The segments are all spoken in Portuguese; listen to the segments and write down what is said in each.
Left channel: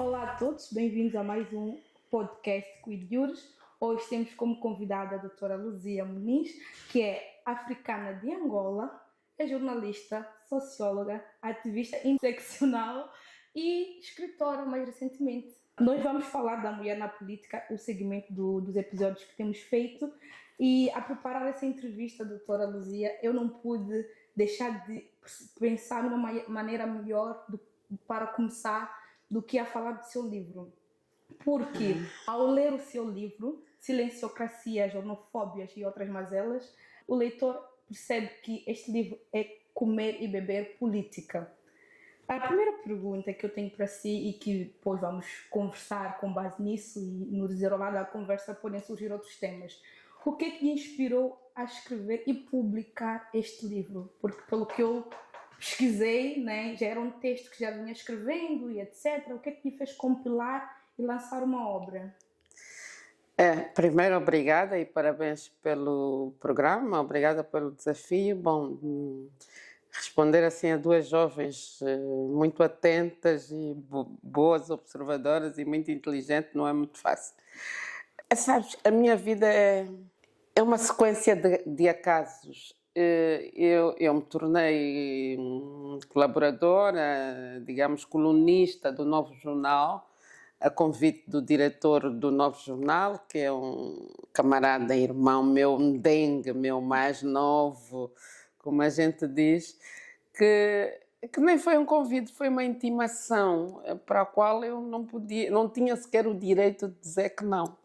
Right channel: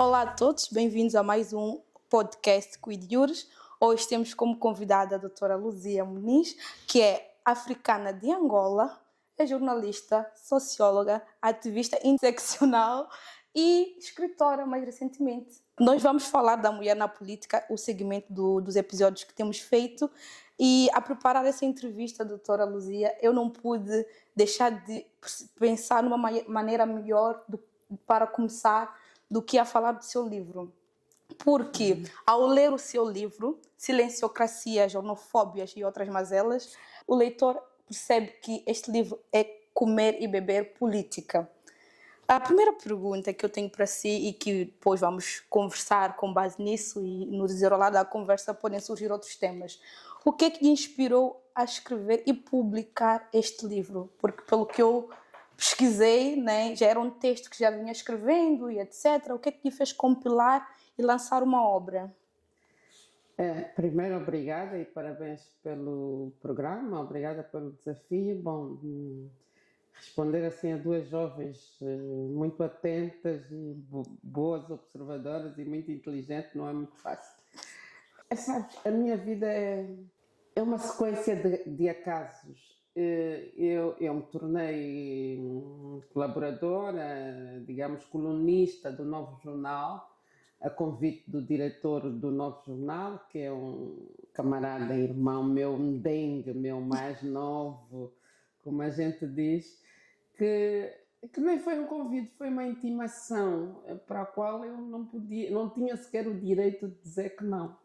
Olá a todos, bem-vindos a mais um podcast Cuidures. Hoje temos como convidada a doutora Luzia Muniz, que é africana de Angola, é jornalista, socióloga, ativista interseccional e escritora mais recentemente. Nós vamos falar da mulher na política, o segmento dos episódios que temos feito, e a preparar essa entrevista, doutora Luzia, eu não pude deixar de pensar numa maneira melhor para começar do que a falar do seu livro. Porque, ao ler o seu livro, Silenciocracia, Jornofóbias e Outras Mazelas, o leitor percebe que este livro é comer e beber política. A primeira pergunta que eu tenho para si e que depois vamos conversar com base nisso e no desenrolar da conversa podem surgir outros temas. O que é que lhe inspirou a escrever e publicar este livro? Porque pelo que eu pesquisei, né, já era um texto que já vinha escrevendo e etc. O que é que lhe fez compilar e lançar uma obra? Primeiro, obrigada e parabéns pelo programa, obrigada pelo desafio. Bom, responder assim a duas jovens muito atentas e boas observadoras e muito inteligentes não é muito fácil. Sabes, a minha vida é uma sequência de acasos. Eu me tornei colaboradora, digamos, colunista do Novo Jornal, a convite do diretor do Novo Jornal, que é um camarada, irmão meu, merengue, meu mais novo, como a gente diz, que nem foi um convite, foi uma intimação para a qual eu não tinha sequer o direito de dizer que não.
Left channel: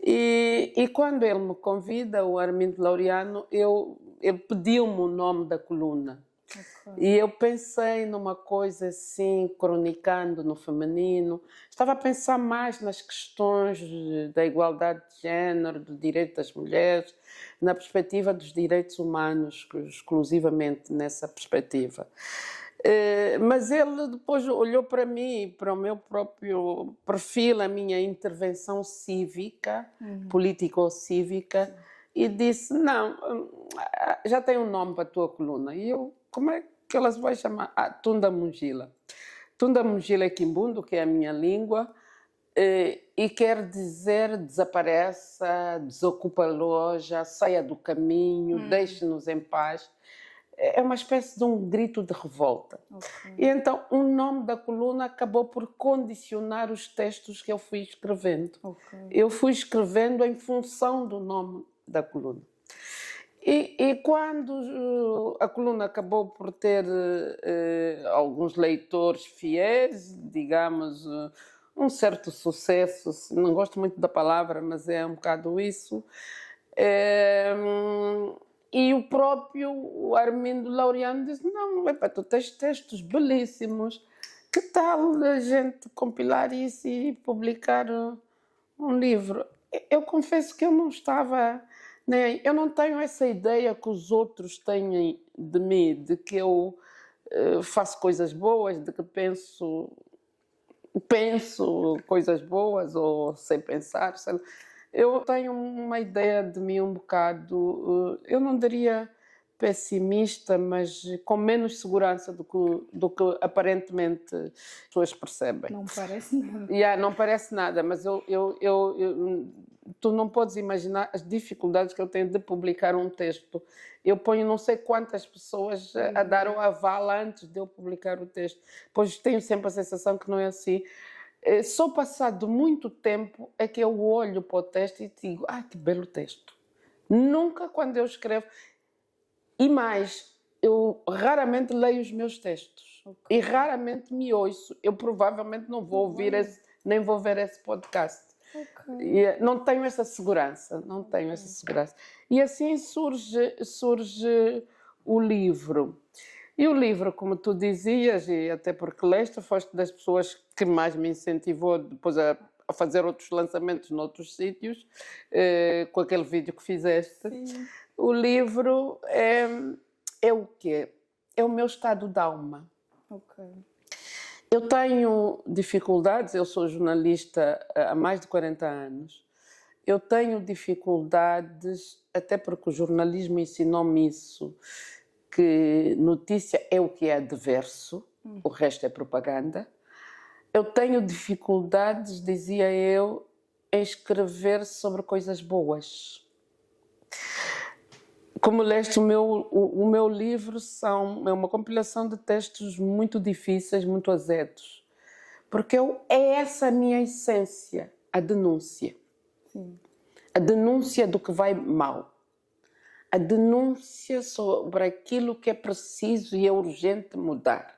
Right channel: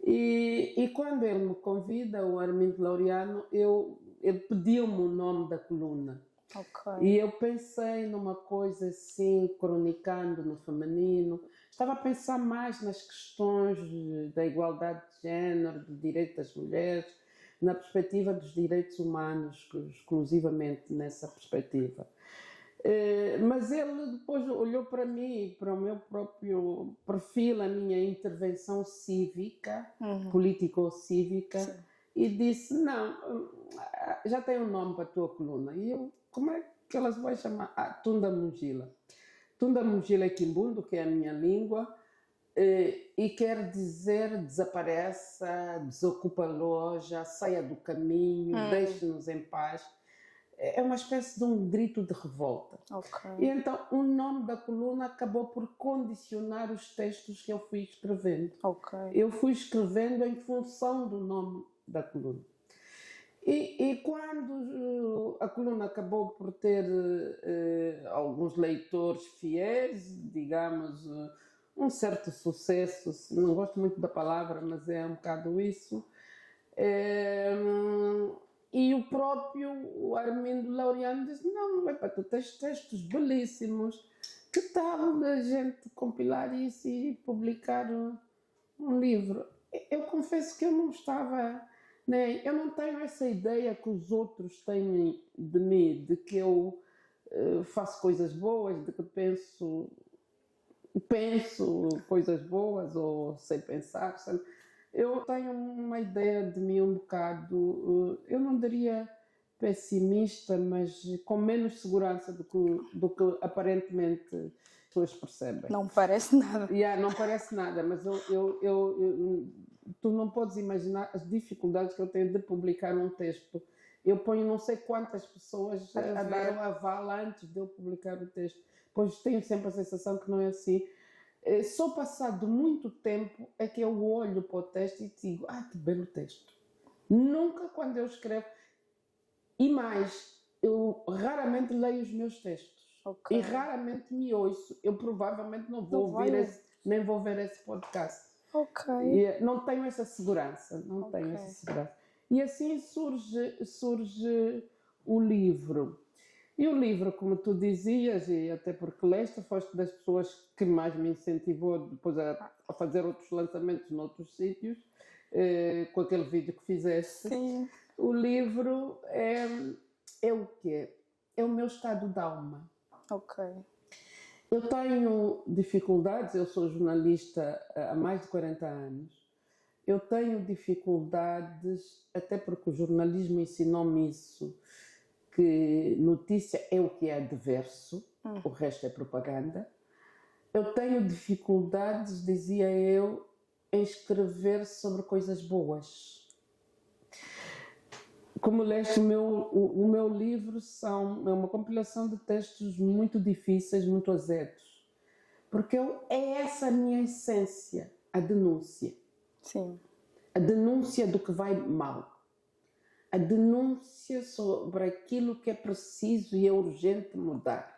E quando ele me convida, o Armindo Laureano, ele pediu-me o nome da coluna. Okay. E eu pensei numa coisa assim, cronicando no feminino. Estava a pensar mais nas questões da igualdade de género, do direito das mulheres, na perspectiva dos direitos humanos, exclusivamente nessa perspectiva. Mas ele depois olhou para mim, para o meu próprio perfil, a minha intervenção cívica, político-cívica, e disse, não, já tem um nome para a tua coluna. E eu, como é que ela se vai chamar? Tunda Mungila. Tunda Mungila é quimbundo, que é a minha língua, e quer dizer desapareça, desocupa a loja, saia do caminho, deixe-nos em paz. É uma espécie de um grito de revolta. Okay. E então o nome da coluna acabou por condicionar os textos que eu fui escrevendo. Okay. Eu fui escrevendo em função do nome da coluna. E quando a coluna acabou por ter alguns leitores fiéis, digamos, um certo sucesso, não gosto muito da palavra, mas é um bocado isso, e o próprio Armindo Laureano disse, não, tu tens textos belíssimos, que tal a gente compilar isso e publicar um livro? Eu confesso que eu não estava, né, eu não tenho essa ideia que os outros têm de mim, de que eu faço coisas boas, de que penso coisas boas ou sei pensar, sei. Eu tenho uma ideia de mim um bocado, eu não diria pessimista, mas com menos segurança do que aparentemente as pessoas percebem. Não parece nada. Não parece nada, mas tu não podes imaginar as dificuldades que eu tenho de publicar um texto. Eu ponho não sei quantas pessoas a dar o aval antes de eu publicar o texto, pois tenho sempre a sensação que não é assim. Só passado muito tempo é que eu olho para o texto e digo, que belo texto. Nunca quando eu escrevo. E mais, eu raramente leio os meus textos. Okay. E raramente me ouço. Eu provavelmente não vou nem vou ver esse podcast. Okay. E não tenho essa segurança, tenho essa segurança. E assim surge o livro. E o livro, como tu dizias, e até porque leste, foste das pessoas que mais me incentivou depois a fazer outros lançamentos noutros sítios, com aquele vídeo que fizeste. Sim. O livro é o quê? É o meu estado de alma. Ok. Eu tenho dificuldades, eu sou jornalista há mais de 40 anos, eu tenho dificuldades, até porque o jornalismo ensinou-me isso, que notícia é o que é adverso, o resto é propaganda. eu tenho dificuldades, dizia eu, em escrever sobre coisas boas. Como leste o meu livro, é uma compilação de textos muito difíceis, muito azedos. Porque é essa a minha essência, a denúncia. Sim. A denúncia do que vai mal. A denúncia sobre aquilo que é preciso e é urgente mudar.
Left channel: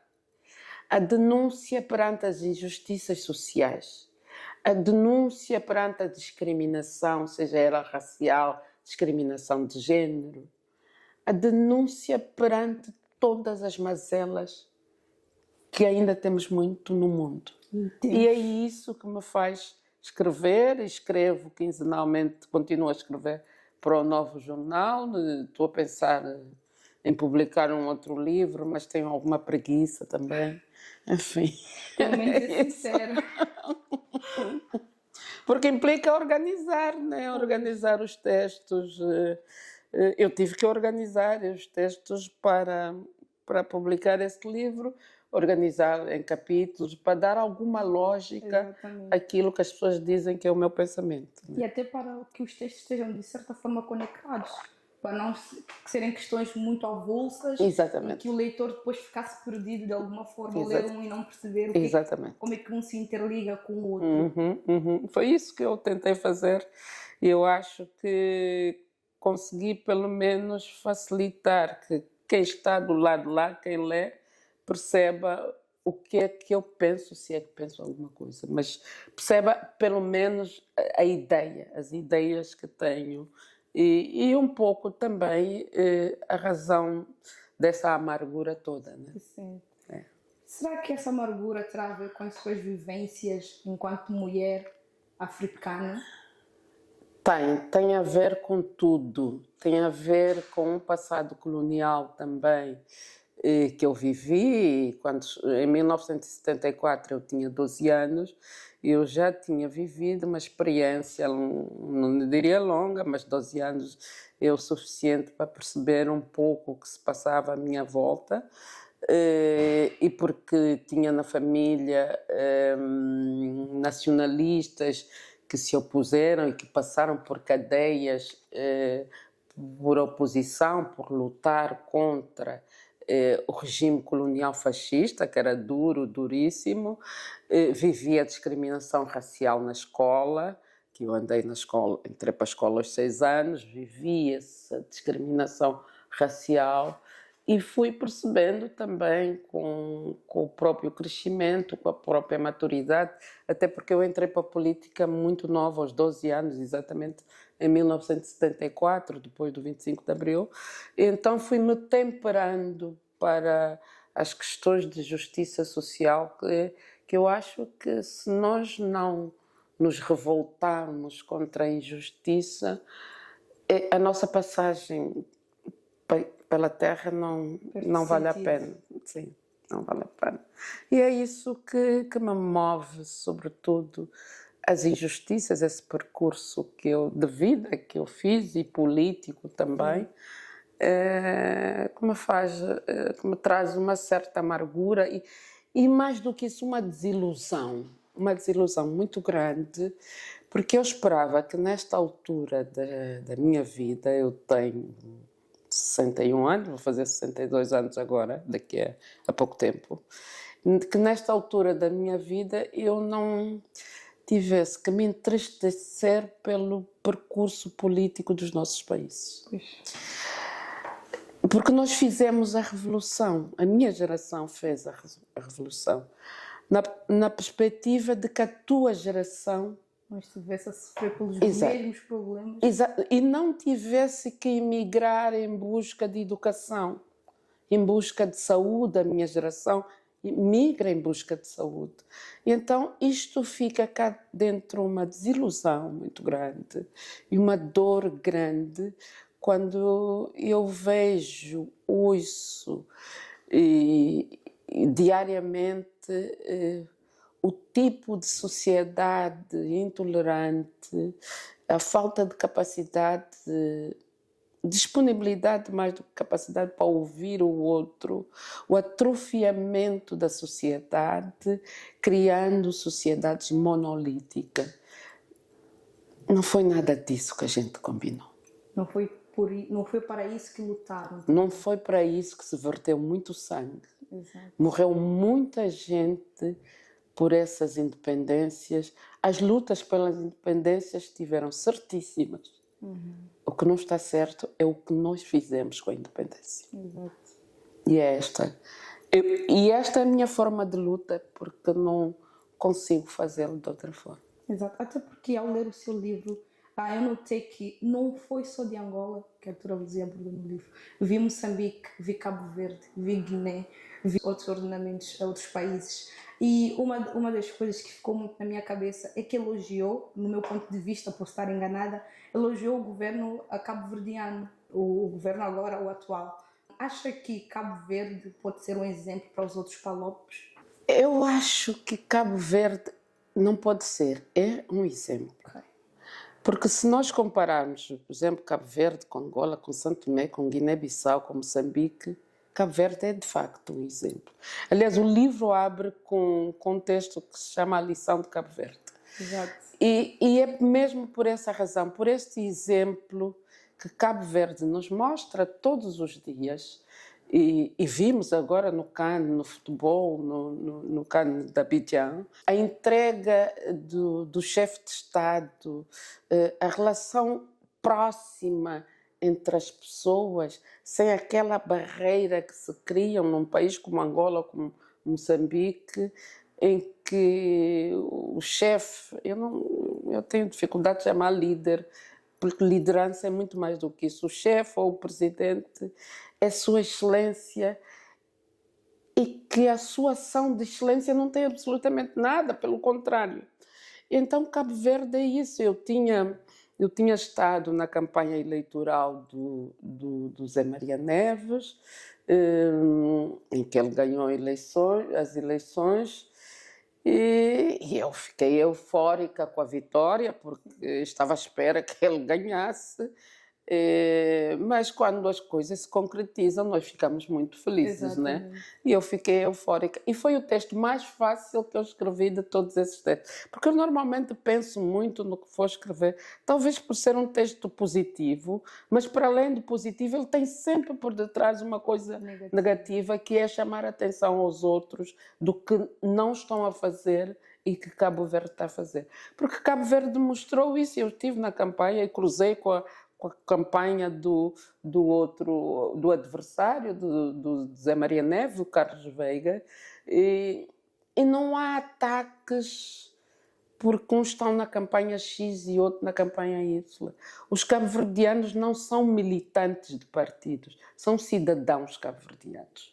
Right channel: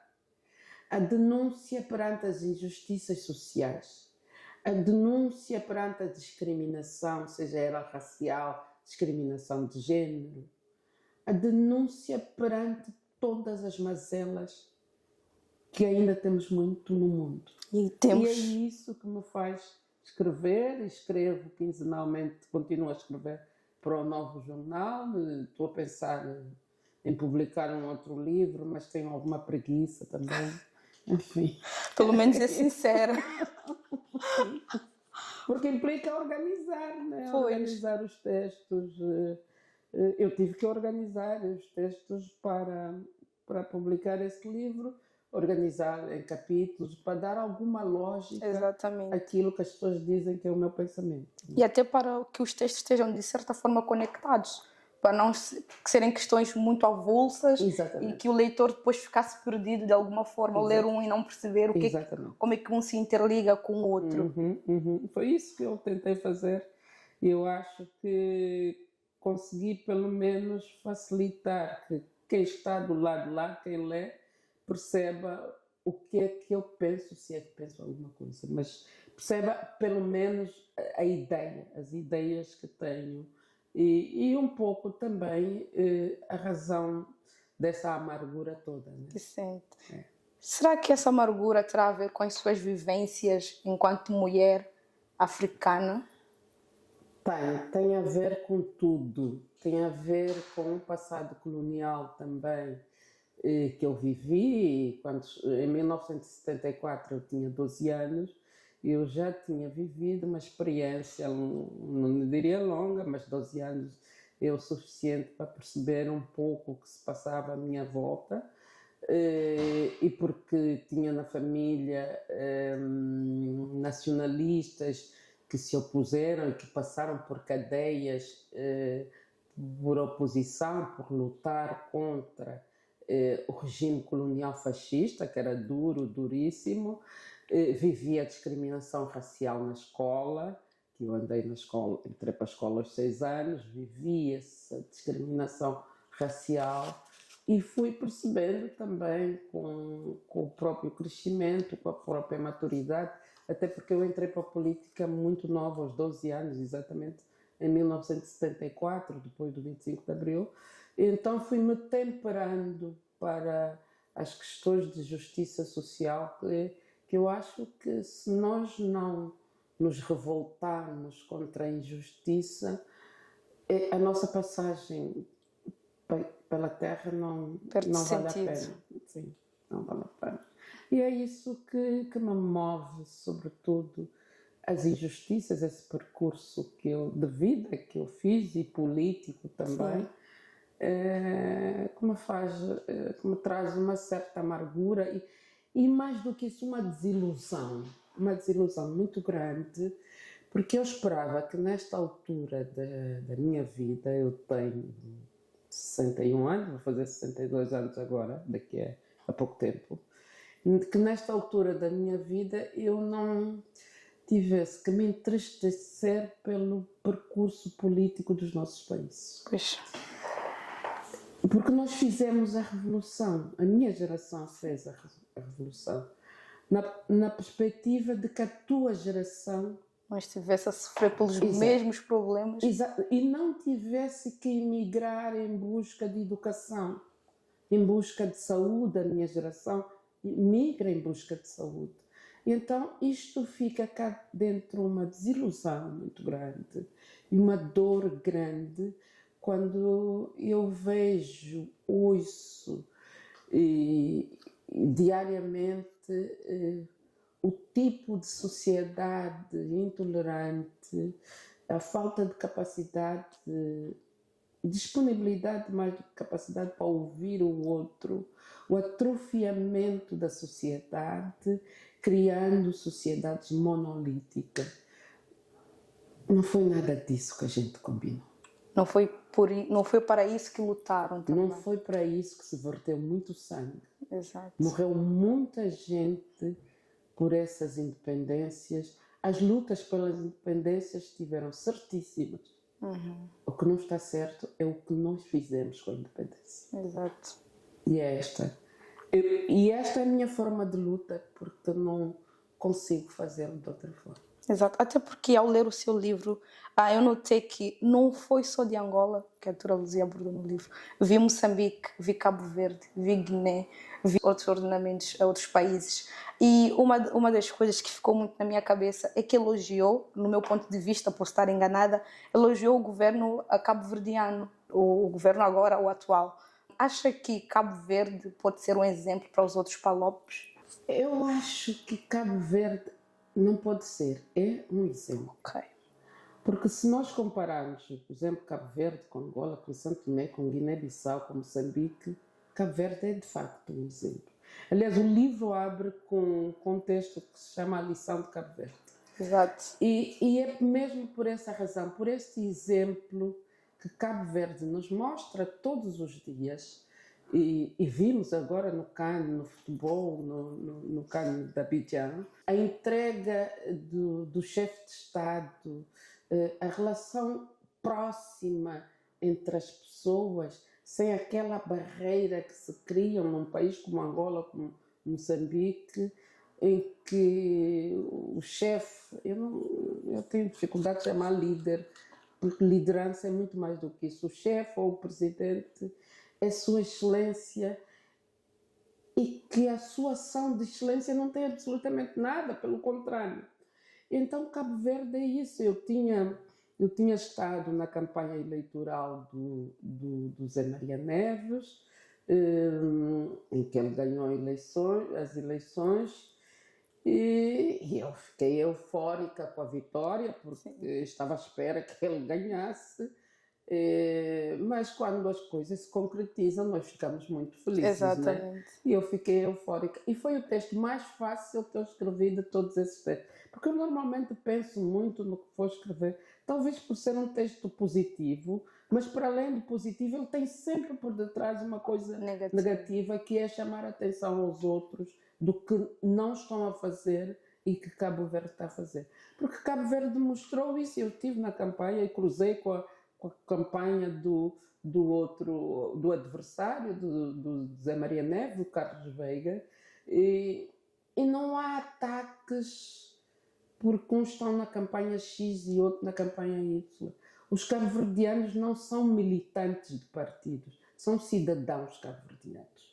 A denúncia perante as injustiças sociais. A denúncia perante a discriminação, seja ela racial, discriminação de género. A denúncia perante todas as mazelas que ainda temos muito no mundo. E é isso que me faz escrever. Escrevo quinzenalmente, continuo a escrever para o Novo Jornal. Estou a pensar em publicar um outro livro, mas tenho alguma preguiça também. Enfim. Pelo menos é sincera. Porque implica organizar, né? Organizar os textos. Eu tive que organizar os textos para publicar esse livro, organizar em capítulos, para dar alguma lógica àquilo que as pessoas dizem que é o meu pensamento. E até para que os textos estejam, de certa forma, conectados. Para não serem questões muito avulsas. Exatamente. E que o leitor depois ficasse perdido de alguma forma, ao ler um e não perceber como é que um se interliga com o outro. Foi isso que eu tentei fazer e eu acho que consegui pelo menos facilitar que quem está do lado lá, quem lê, perceba o que é que eu penso, se é que penso alguma coisa, mas perceba pelo menos a ideia, as ideias que tenho e um pouco também a razão dessa amargura toda. Né? Será que essa amargura terá a ver com as suas vivências enquanto mulher africana? Tem a ver com tudo. Tem a ver com o passado colonial também que eu vivi. Em 1974 eu tinha 12 anos e eu já tinha vivido uma experiência, não diria longa, mas 12 anos é o suficiente para perceber um pouco o que se passava à minha volta. E porque tinha na família nacionalistas que se opuseram e que passaram por cadeias por oposição, por lutar contra o regime colonial fascista, que era duro, duríssimo. Vivia a discriminação racial na escola, que eu andei na escola, entrei para a escola aos 6 anos, vivia-se a discriminação racial. E fui percebendo também com o próprio crescimento, com a própria maturidade, até porque eu entrei para a política muito nova, aos 12 anos, exatamente em 1974, depois do 25 de Abril. Então fui-me temperando para as questões de justiça social, que eu acho que se nós não nos revoltarmos contra a injustiça, a nossa passagem pela terra não vale a pena. Sim, não vale a pena. E é isso que me move, sobretudo, as injustiças, esse percurso de vida que eu fiz e político também, que me traz uma certa amargura e mais do que isso, uma desilusão muito grande, porque eu esperava que nesta altura da minha vida, eu tenho 61 anos, vou fazer 62 anos agora, daqui a pouco tempo, que nesta altura da minha vida eu não tivesse que me entristecer pelo percurso político dos nossos países. Pois. Porque nós fizemos a revolução, a minha geração fez a revolução, na perspectiva de que a tua geração não estivesse a sofrer pelos mesmos problemas. E não tivesse que emigrar em busca de educação, em busca de saúde. A minha geração migra em busca de saúde. E então isto fica cá dentro uma desilusão muito grande e uma dor grande quando eu vejo, ouço diariamente o tipo de sociedade intolerante, a falta de capacidade disponibilidade mais do que capacidade para ouvir o outro, o atrofiamento da sociedade, criando sociedades monolíticas. Não foi nada disso que a gente combinou. Não foi para isso que lutaram. Não foi para isso que se verteu muito sangue. Exato. Morreu muita gente por essas independências. As lutas pelas independências estiveram certíssimas. O que não está certo é o que nós fizemos com a independência. Exato. E esta é a minha forma de luta, porque não consigo fazê-lo de outra forma. Exato. Até porque ao ler o seu livro, eu notei que não foi só de Angola que a doutora Luzia abordou no livro. Vi Moçambique, vi Cabo Verde, vi Guiné, vi outros ordenamentos, outros países. E uma das coisas que ficou muito na minha cabeça é que elogiou, no meu ponto de vista, posso estar enganada, elogiou o governo cabo-verdiano, o governo agora, o atual. Acha que Cabo Verde pode ser um exemplo para os outros palopes? Eu acho que Cabo Verde não pode ser, é um exemplo. Okay. Porque se nós compararmos, por exemplo, Cabo Verde com Angola, com Santo Tomé, com Guiné-Bissau, com Moçambique, Cabo Verde é de facto um exemplo. Aliás, o livro abre com um texto que se chama A Lição de Cabo Verde. Exato. E é mesmo por essa razão, por este exemplo que Cabo Verde nos mostra todos os dias, e vimos agora no CAN, no futebol, no CAN de Abidjan, a entrega do chefe de Estado, a relação próxima entre as pessoas, sem aquela barreira que se cria num país como Angola, como Moçambique, em que o chefe, eu tenho dificuldade de chamar líder, porque liderança é muito mais do que isso. O chefe ou o presidente é Sua Excelência, e que a sua ação de excelência não tem absolutamente nada, pelo contrário. Então, Cabo Verde é isso. Eu tinha estado na campanha eleitoral do Zé Maria Neves, em que ele ganhou as eleições, e eu fiquei eufórica com a vitória, porque estava à espera que ele ganhasse. Mas quando as coisas se concretizam, nós ficamos muito felizes, né? E eu fiquei eufórica. E foi o texto mais fácil que eu escrevi de todos esses textos. Porque eu normalmente penso muito no que vou escrever, talvez por ser um texto positivo, mas para além do positivo, ele tem sempre por detrás uma coisa negativa, que é chamar a atenção aos outros do que não estão a fazer e que Cabo Verde está a fazer. Porque Cabo Verde demonstrou isso. Eu estive na campanha e cruzei com a campanha do adversário, do Zé Maria Neves, o Carlos Veiga, e não há ataques porque uns estão na campanha X e outro na campanha Y. Os cabo-verdianos não são militantes de partidos, são cidadãos cabo-verdianos.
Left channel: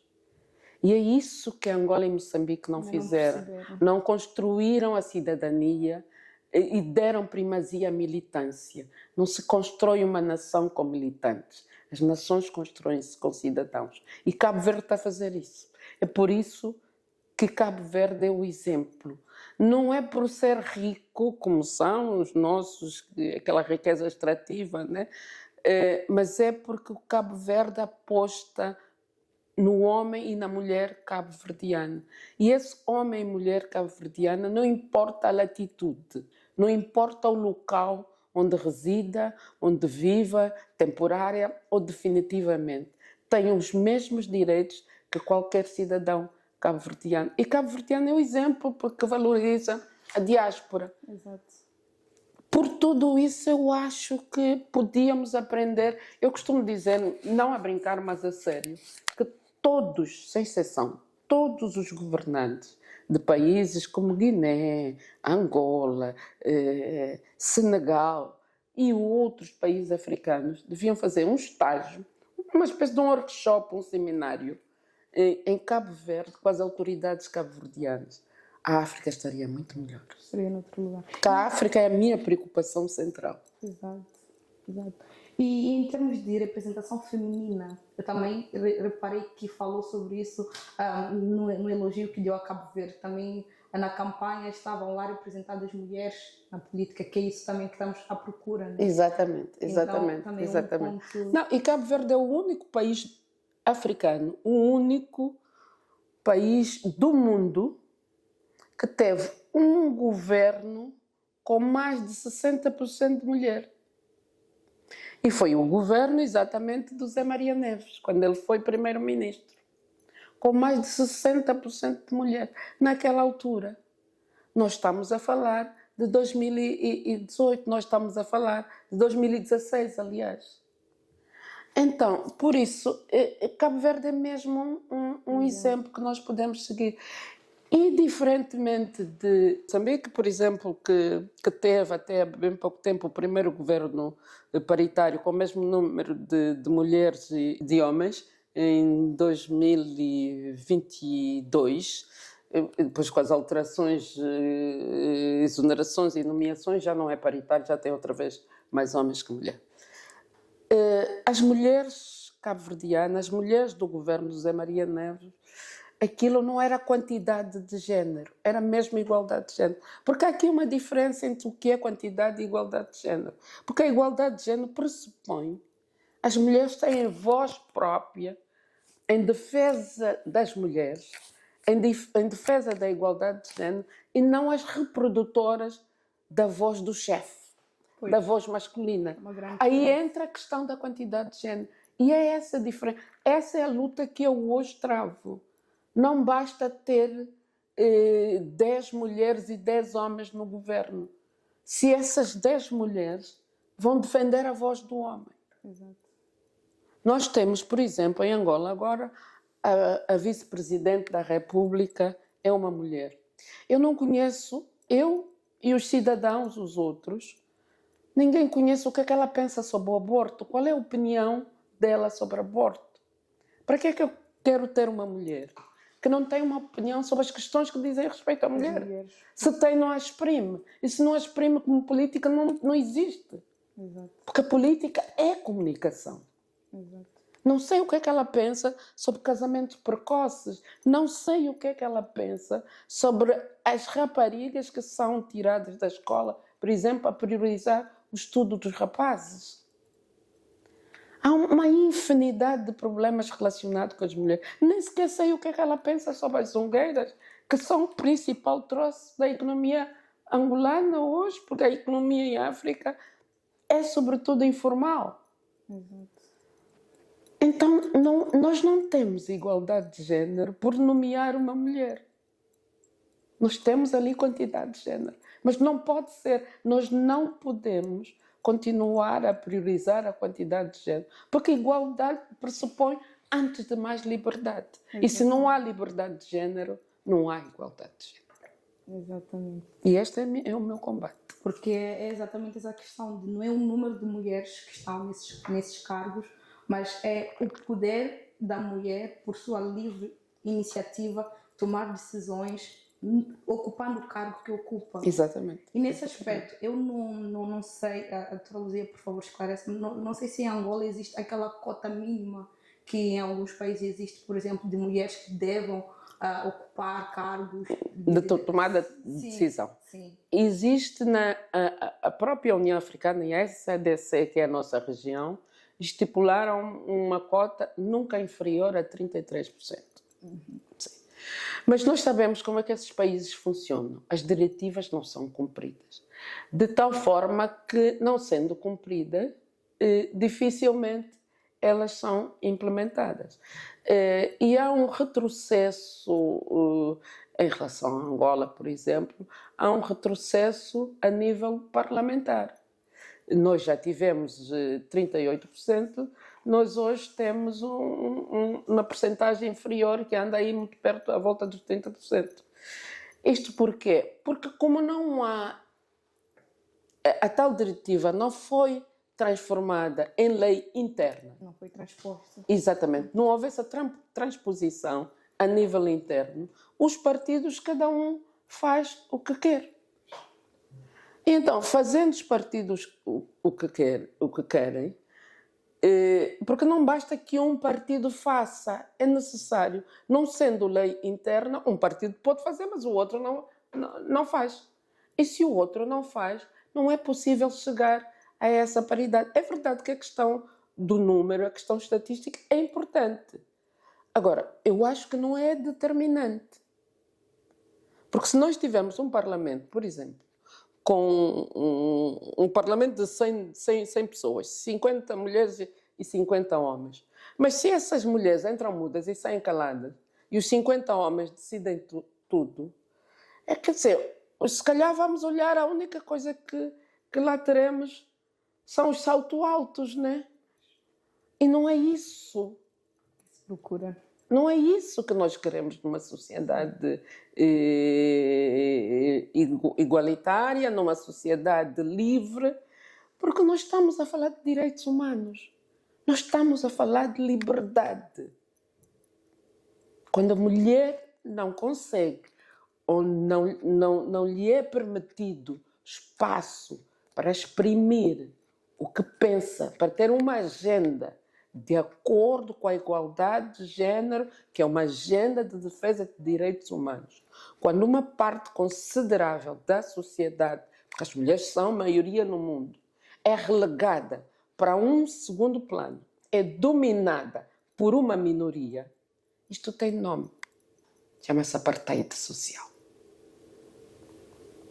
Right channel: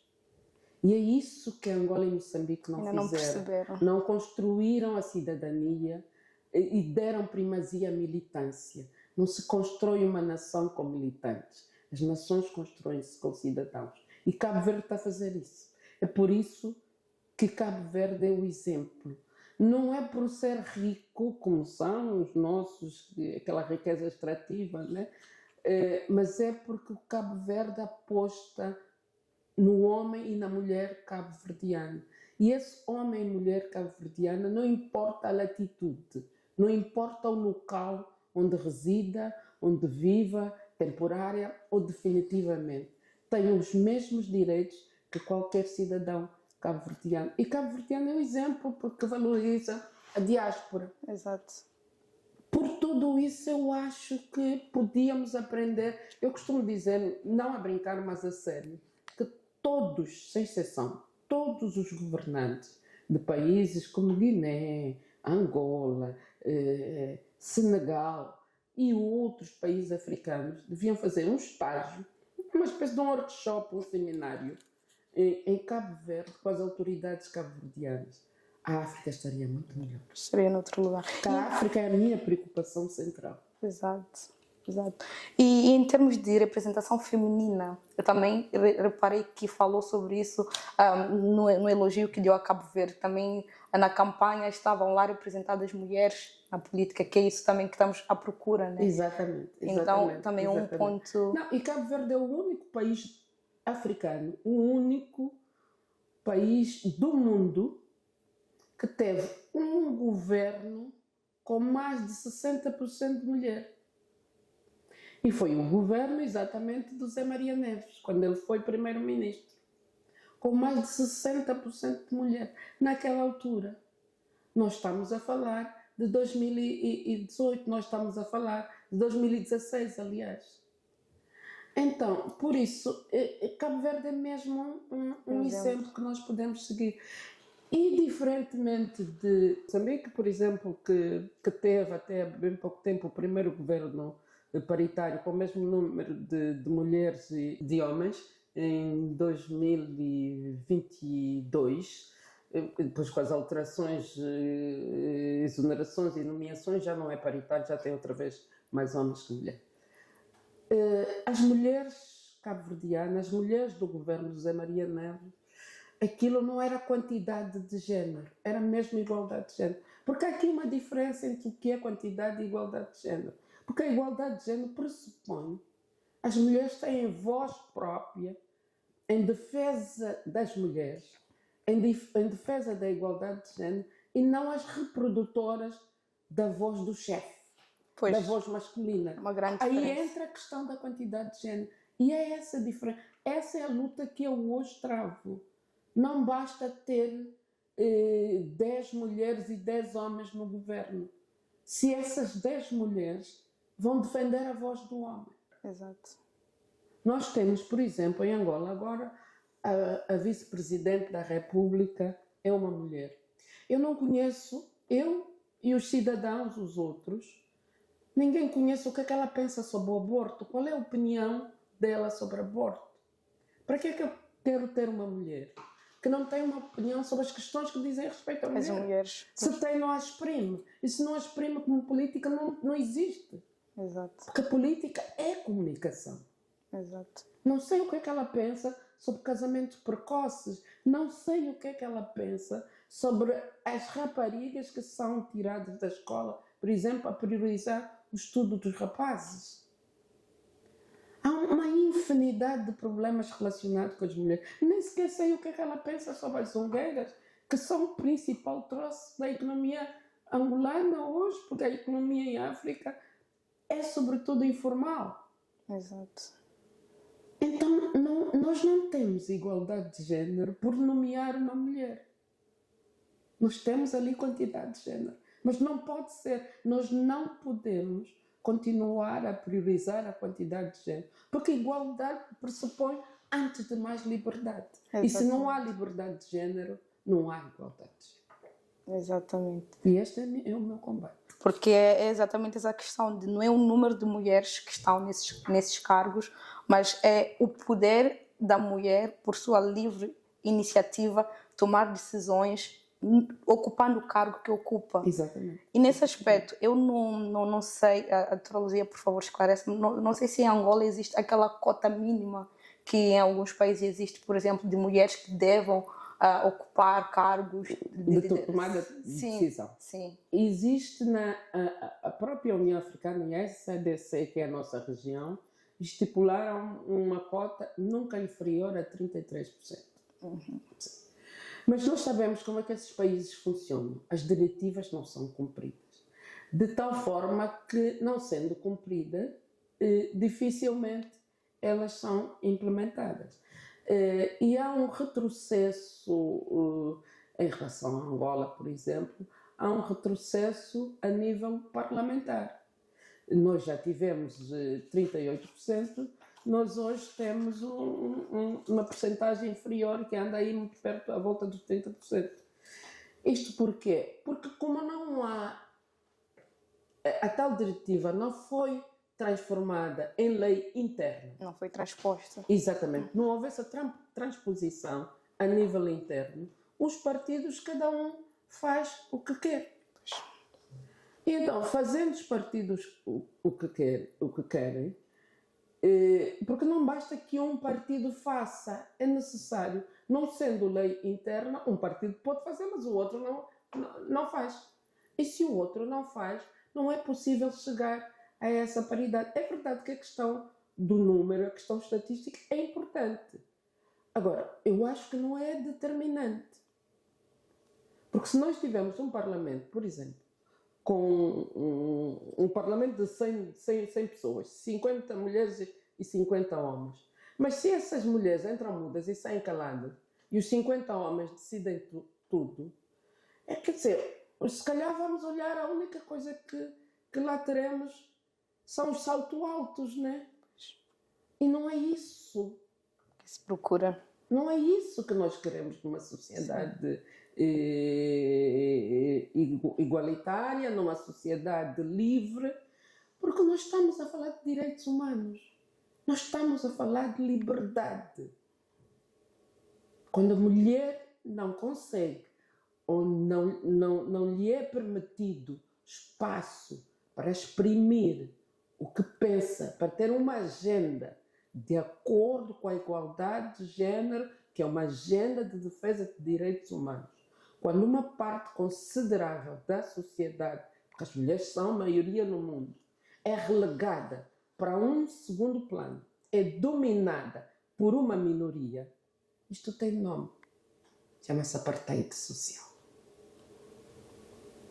E é isso que Angola e Moçambique não fizeram. Não construíram a cidadania e deram primazia à militância. Não se constrói uma nação com militantes. As nações constroem-se com cidadãos. E Cabo Verde está a fazer isso. É por isso que Cabo Verde é o exemplo. Não é por ser rico, como são os nossos, aquela riqueza extrativa, né? Mas é porque o Cabo Verde aposta no homem e na mulher cabo-verdiana. E esse homem e mulher cabo-verdiana, não importa a latitude, não importa o local onde resida, onde viva, temporária ou definitivamente, tem os mesmos direitos que qualquer cidadão cabo-verdiano. E cabo-verdiano é o exemplo porque valoriza a diáspora. Exato. Por tudo isso, eu acho que podíamos aprender. Eu costumo dizer, não a brincar, mas a sério, que todos, sem exceção, todos os governantes de países como Guiné, Angola, Senegal e outros países africanos deviam fazer um estágio, uma espécie de um workshop, um seminário, em Cabo Verde, com as autoridades cabo-verdianas. A África estaria muito melhor. Estaria noutro lugar. Porque a África é a minha preocupação central. Exato. Exato. E em termos de representação feminina, eu também reparei que falou sobre isso no elogio que deu a Cabo Verde. Também na campanha estavam lá representadas mulheres na política, que é isso também que estamos à procura, né? Exatamente, exatamente. Então, também é um exatamente. ponto... Não, e Cabo Verde é o único país africano, o único país do mundo que teve um governo com mais de 60% de mulher. E foi o governo exatamente do Zé Maria Neves, quando ele foi primeiro-ministro, com mais de 60% de mulher. Naquela altura, nós estamos a falar de 2018, nós estamos a falar de 2016, aliás. Então, por isso, Cabo Verde é mesmo um exemplo que nós podemos seguir. E diferentemente de Moçambique, por exemplo, que teve até bem pouco tempo o primeiro governo paritário com o mesmo número de mulheres e de homens, em 2022, depois com as alterações, exonerações e nomeações, já não é paritário, já tem outra vez mais homens que mulheres. As mulheres cabo-verdianas, as mulheres do governo de José Maria Neves, aquilo não era quantidade de género, era mesmo igualdade de género. Porque há aqui uma diferença entre o que é quantidade e igualdade de género. Porque a igualdade de género pressupõe as mulheres têm voz própria em defesa das mulheres, em defesa da igualdade de género, e não as reprodutoras da voz do chefe, da voz masculina. Uma grande Aí diferença. entra a questão da quantidade de género. E é essa a diferença. Essa é a luta que eu hoje travo. Não basta ter 10 mulheres e 10 homens no governo. Se essas 10 mulheres vão defender a voz do homem. Exato. Nós temos, por exemplo, em Angola agora, a vice-presidente da República é uma mulher. Eu não conheço, eu e os cidadãos, os outros, ninguém conhece o que é que ela pensa sobre o aborto. Qual é a opinião dela sobre o aborto? Para que é que eu quero ter uma mulher que não tem uma opinião sobre as questões que dizem respeito à mulher? As mulheres. Se tem, não a exprime. E se não a exprime como política, não existe. Exato. Porque a política é comunicação. Exato. Não sei o que é que ela pensa sobre casamentos precoces. Não sei o que é que ela pensa sobre as raparigas que são tiradas da escola, por exemplo, a priorizar o estudo dos rapazes. Há uma infinidade de problemas relacionados com as mulheres. Nem sequer sei o que é que ela pensa sobre as zongueiras, que são o principal troço da economia angolana hoje, porque a economia em África é sobretudo informal. Exato. Então, nós não temos igualdade de género por nomear uma mulher. Nós temos ali quantidade de género. Mas não pode ser. Nós não podemos continuar a priorizar a quantidade de género. Porque igualdade pressupõe, antes de mais, liberdade. Exatamente. E se não há liberdade de género, não há igualdade de género. Exatamente. E este é o meu combate. Porque é exatamente essa questão de não é o número de mulheres que estão nesses cargos, mas é o poder da mulher, por sua livre iniciativa, tomar decisões, ocupando o cargo que ocupa. Exatamente. E nesse aspecto, eu não sei, a doutora Luzia, por favor, esclarece-me, não sei se em Angola existe aquela cota mínima que em alguns países existe, por exemplo, de mulheres que devam ocupar cargos de tomada de decisão. Sim. Existe a própria União Africana e a SADC, que é a nossa região, estipularam uma cota nunca inferior a 33%. Sim. Mas nós sabemos como é que esses países funcionam. As diretivas não são cumpridas. De tal forma que, não sendo cumpridas, dificilmente elas são implementadas. E há um retrocesso em relação a Angola, por exemplo, há um retrocesso a nível parlamentar. Nós já tivemos 38%, nós hoje temos uma percentagem inferior que anda aí muito perto, à volta dos 30%. Isto porquê? Porque como não há... A tal diretiva não foi transformada em lei interna. Não foi transposta. Exatamente. Não houve essa transposição a nível interno. Os partidos, cada um faz o que quer. Então, fazendo os partidos o que querem, porque não basta que um partido faça, é necessário, não sendo lei interna, um partido pode fazer, mas o outro não faz. E se o outro não faz, não é possível chegar a essa paridade. É verdade que a questão do número, a questão estatística é importante. Agora, eu acho que não é determinante. Porque se nós tivermos um parlamento, por exemplo, com um parlamento de 100 pessoas, 50 mulheres e 50 homens, mas se essas mulheres entram mudas e saem caladas, e os 50 homens decidem tudo, quer dizer, se calhar vamos olhar, a única coisa que lá teremos são os saltos altos, né? E não é isso que se procura. Não é isso que nós queremos numa sociedade igualitária, numa sociedade livre, porque nós estamos a falar de direitos humanos. Nós estamos a falar de liberdade. Quando a mulher não consegue ou não lhe é permitido espaço para exprimir o que pensa, para ter uma agenda de acordo com a igualdade de género, que é uma agenda de defesa de direitos humanos. Quando uma parte considerável da sociedade, porque as mulheres são maioria no mundo, é relegada para um segundo plano, é dominada por uma minoria, isto tem nome. Chama-se apartheid social.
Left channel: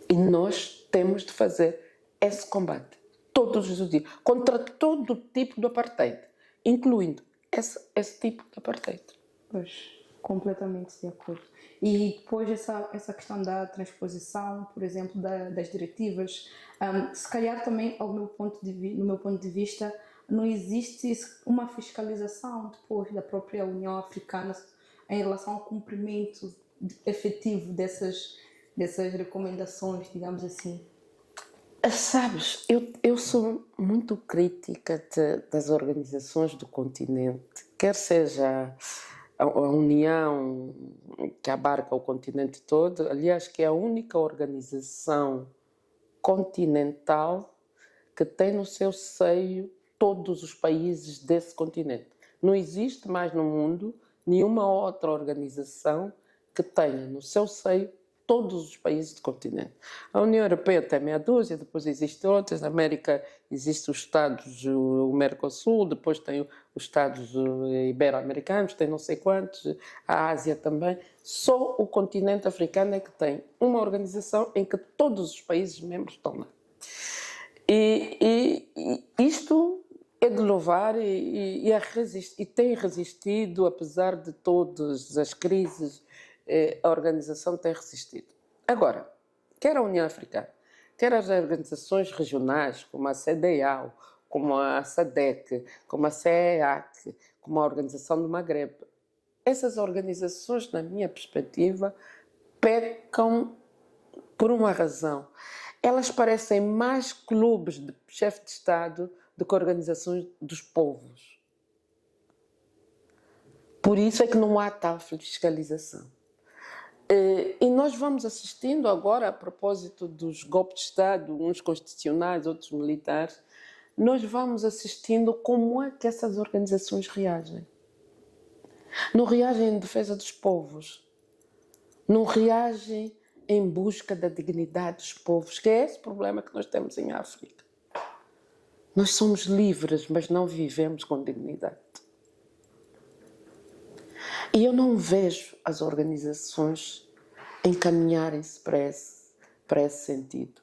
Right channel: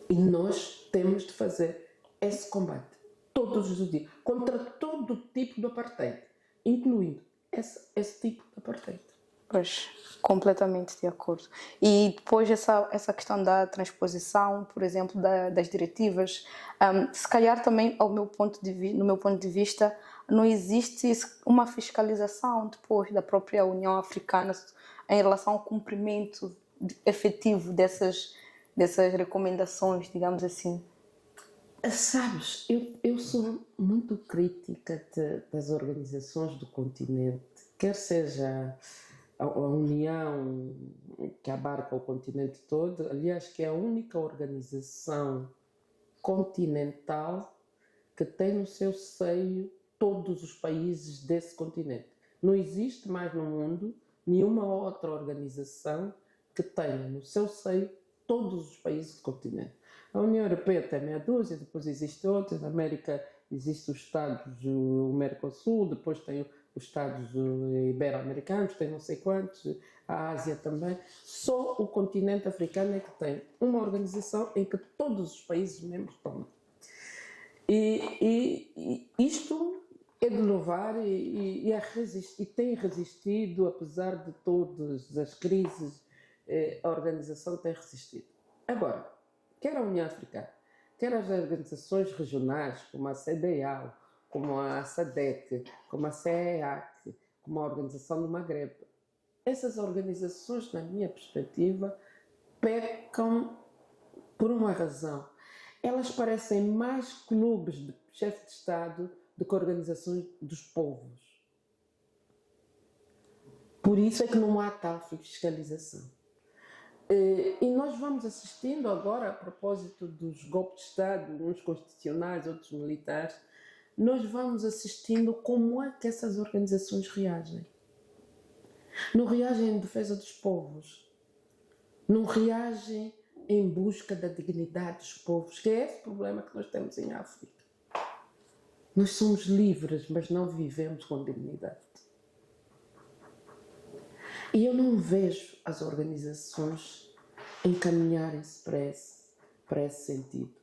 E nós temos de fazer esse combate todos os dias, contra todo tipo de apartheid, incluindo esse tipo de apartheid. Pois, completamente de acordo. E depois essa questão da transposição, por exemplo, das diretivas, se calhar também, no meu ponto de vista, não existe uma fiscalização depois da própria União Africana em relação ao cumprimento efetivo dessas recomendações, digamos assim. Sabes, eu sou muito crítica das organizações do continente, quer seja a União, que abarca o continente todo, aliás, que é a única organização continental que tem no seu seio todos os países desse continente. Não existe mais no mundo nenhuma outra organização que tenha no seu seio todos os países do continente. A União Europeia tem meia dúzia, depois existem outras, na América existem os Estados, o Mercosul, depois tem os Estados ibero-americanos, tem não sei quantos, a Ásia também. Só o continente africano é que tem uma organização em que todos os países membros estão lá. E isto é de louvar e tem resistido, apesar de todas as crises, a organização tem resistido. Agora, quer a União Africana, quer as organizações regionais, como a CEDEAO, como a SADC, como a CEEAC, como a Organização do Magreb, essas organizações, na minha perspectiva, pecam por uma razão. Elas parecem mais clubes de chefe de Estado do que organizações dos povos. Por isso é que não há tal fiscalização. E nós vamos assistindo agora, a propósito dos golpes de Estado, uns constitucionais, outros militares, nós vamos assistindo como é que essas organizações reagem. Não reagem em defesa dos povos, não reagem em busca da dignidade dos povos, que é esse problema que nós temos em África. Nós somos livres, mas não vivemos com dignidade. E eu não vejo as organizações encaminharem-se para esse sentido.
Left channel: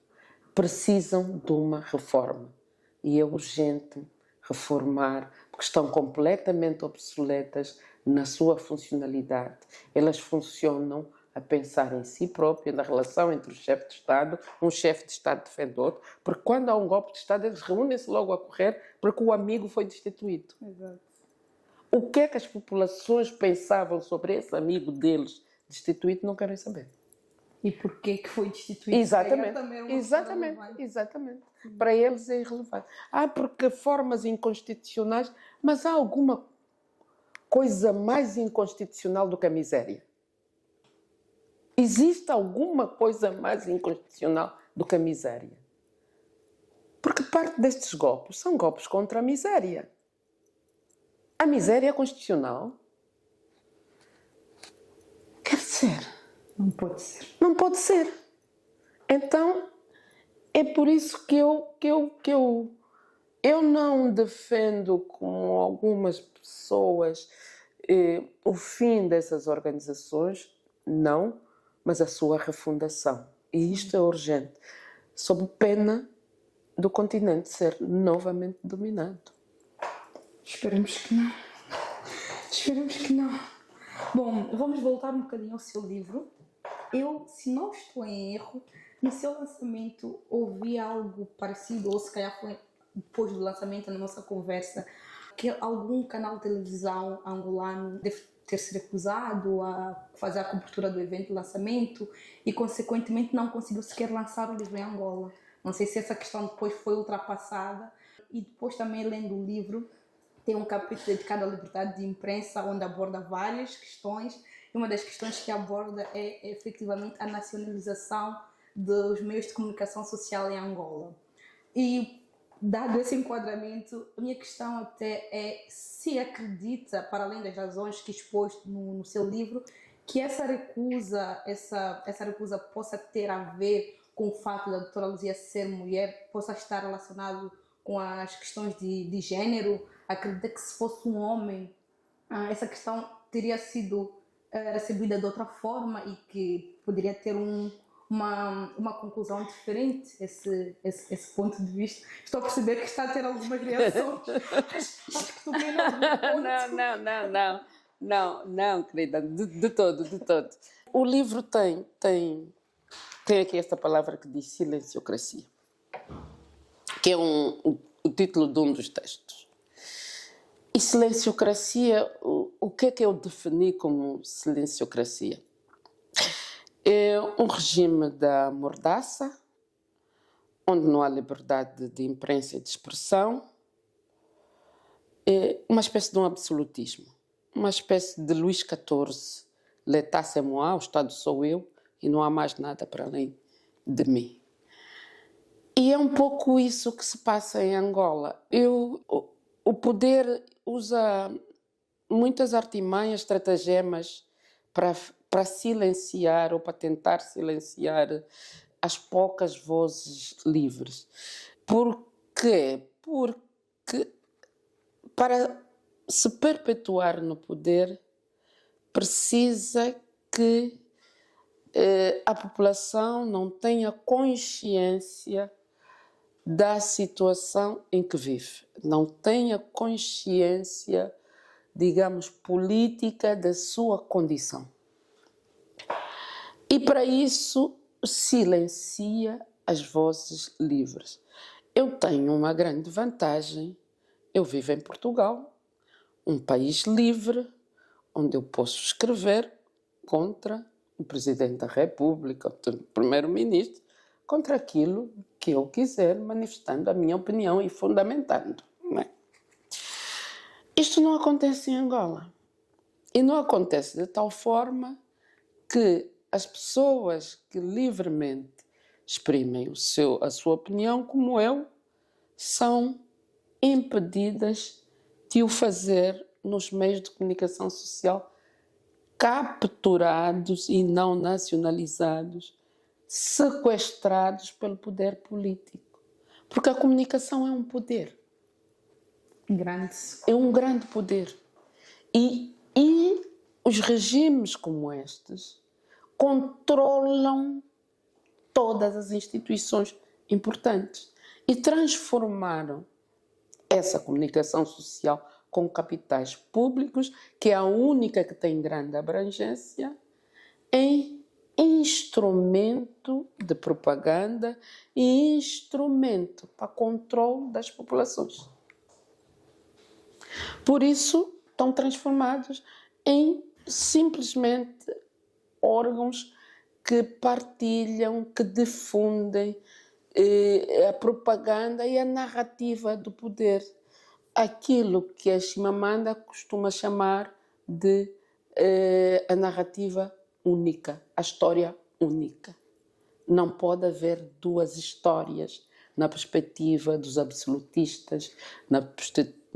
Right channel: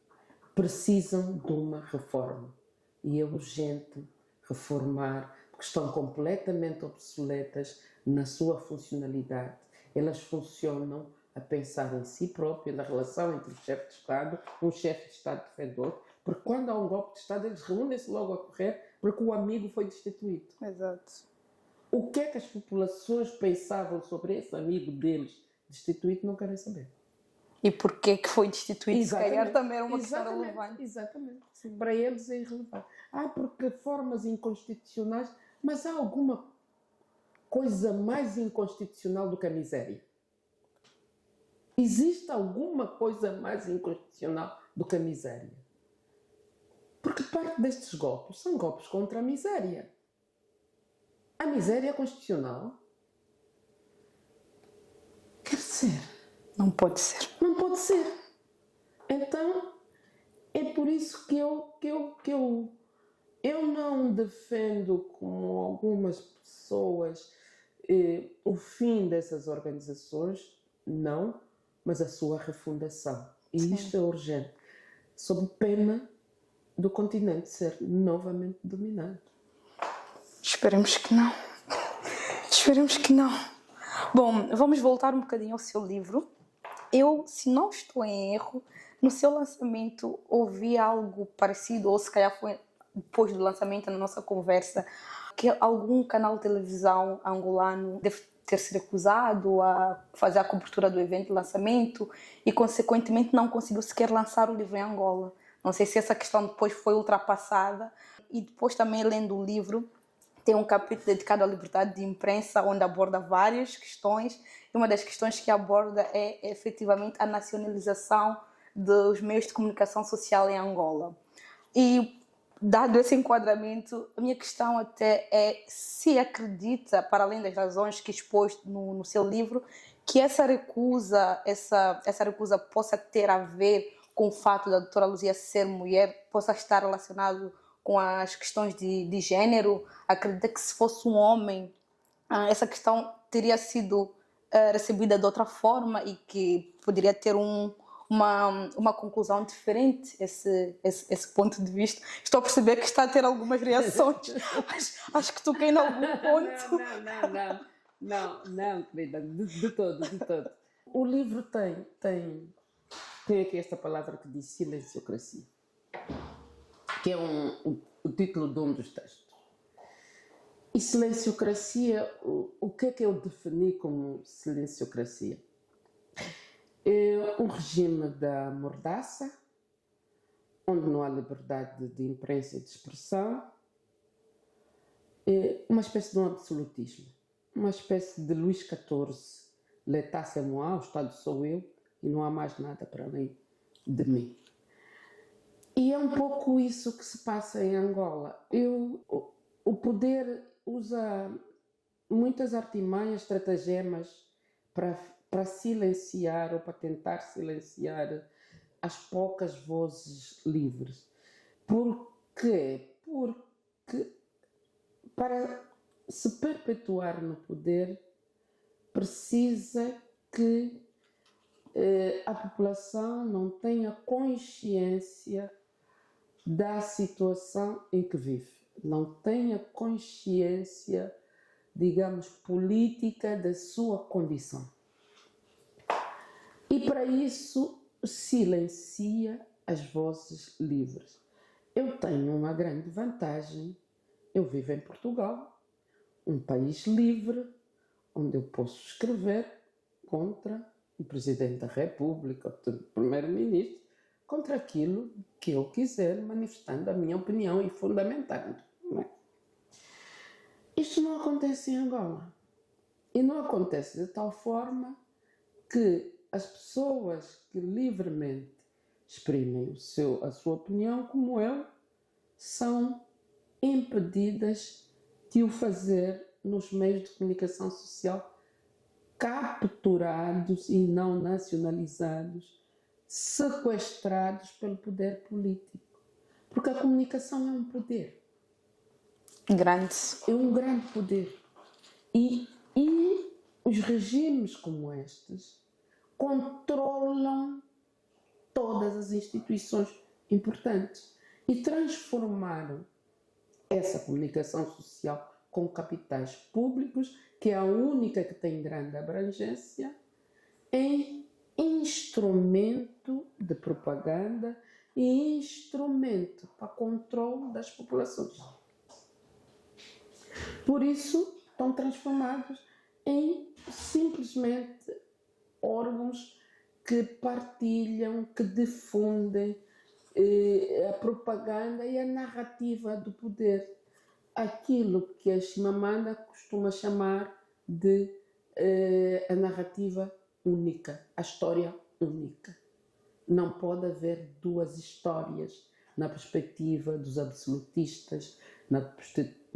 Precisam de uma reforma. E é urgente reformar, porque estão completamente obsoletas na sua funcionalidade. Elas funcionam a pensar em si própria, na relação entre o chefe de Estado, um chefe de Estado defende outro, porque quando há um golpe de Estado, eles reúnem-se logo a correr porque o amigo foi destituído. Exato. O que é que as populações pensavam sobre esse amigo deles destituído não querem saber. E porquê que foi destituído? Exatamente. Também era uma Exatamente. Para eles é irrelevante. Porque formas inconstitucionais, mas há alguma coisa mais inconstitucional do que a miséria? Existe alguma coisa mais inconstitucional do que a miséria? Porque parte destes golpes são golpes contra a miséria. A miséria é constitucional? Quer dizer, não pode ser. Não pode ser. Então, É por isso que eu não defendo, como algumas pessoas, o fim dessas organizações, não, mas a sua refundação. E Sim. isto é urgente, sob pena do continente ser novamente dominado. Esperemos que não. Esperemos que não. Bom, vamos voltar um bocadinho ao seu livro. Eu, se não estou em erro, no seu lançamento ouvi algo parecido, ou se calhar foi depois do lançamento, na nossa conversa, que algum canal de televisão angolano deve ter se recusado a fazer a cobertura do evento de lançamento e, consequentemente, não conseguiu sequer lançar o livro em Angola. Não sei se essa questão depois foi ultrapassada. E depois também, lendo o livro, tem um capítulo dedicado à liberdade de imprensa, onde aborda várias questões. E uma das questões que aborda é efetivamente a nacionalização dos meios de comunicação social em Angola. E, dado esse enquadramento, a minha questão até é se acredita, para além das razões que expôs no seu livro, que essa recusa possa ter a ver com o fato da doutora Luzia ser mulher, possa estar relacionado com as questões de género. Acredita que se fosse um homem, essa questão teria sido recebida de outra forma e que poderia ter uma conclusão diferente, esse ponto de vista. Estou a perceber que está a ter algumas reações. Acho que toquei em algum ponto. Não, querida, de todo. O livro tem aqui esta palavra que diz silenciocracia, que é o título de um dos textos. E silenciocracia, o que é que eu defini como silenciocracia? É um regime da mordaça, onde não há liberdade de imprensa e de expressão, é uma espécie de um absolutismo, uma espécie de Luís XIV, l'état c'est moi, o Estado sou eu, e não há mais nada para além de mim. E é um pouco isso que se passa em Angola. O poder usa muitas artimanhas, estratagemas para silenciar ou para tentar silenciar as poucas vozes livres. Por quê? Porque para se perpetuar no poder precisa que a população não tenha consciência da situação em que vive, não tenha consciência, digamos, política da sua condição. E para isso silencia as vozes livres. Eu tenho uma grande vantagem, eu vivo em Portugal, um país livre, onde eu posso escrever contra o Presidente da República, o Primeiro-Ministro, contra aquilo que eu quiser, manifestando a minha opinião e fundamentando. Não é? Isto não acontece em Angola. E não acontece de tal forma que as pessoas que livremente exprimem a sua opinião, como eu, são impedidas de o fazer nos meios de comunicação social, capturados e não nacionalizados, sequestrados pelo poder político. Porque a comunicação é um poder. Grande. É um grande poder. E os regimes como estes controlam todas as instituições importantes e transformaram essa comunicação social com capitais públicos, que é a única que tem grande abrangência, em instrumento de propaganda e instrumento para controle das populações. Por isso, estão transformados em simplesmente órgãos que partilham, que difundem a propaganda e a narrativa do poder. Aquilo que a Chimamanda costuma chamar de a narrativa única, a história única. Não pode haver duas histórias na perspectiva dos absolutistas, na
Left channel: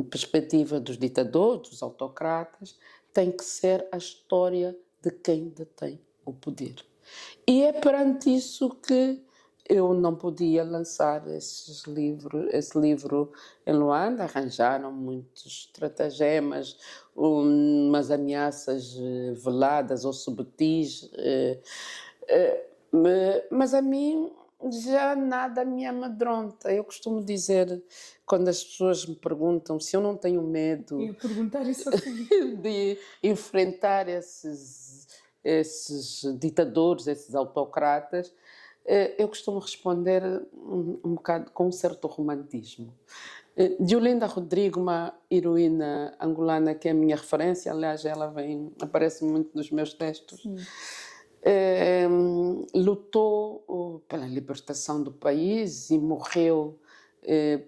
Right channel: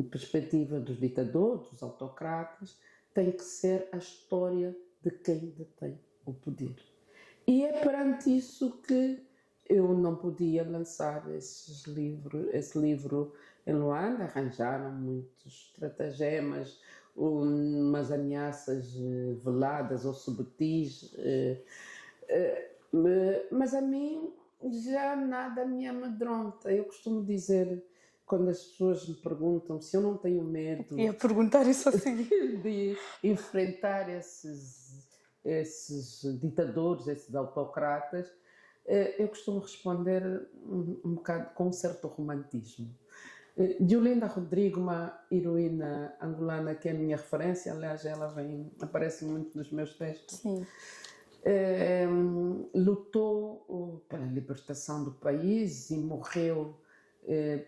perspectiva dos ditadores, dos autocratas. Tem que ser a história de quem detém o poder. E é perante isso que eu não podia lançar esse livro em Luanda. Arranjaram muitos estratagemas, umas ameaças veladas ou subtis, mas a mim já nada me amedronta. Eu costumo dizer, quando as pessoas me perguntam se eu não tenho medo Ia perguntar isso assim. de enfrentar esses ditadores, esses autocratas, eu costumo responder um bocado com um certo romantismo. Diolinda Rodrigo, uma heroína angolana que é a minha referência, aliás, ela aparece muito nos meus textos. Sim. Lutou pela libertação do país e morreu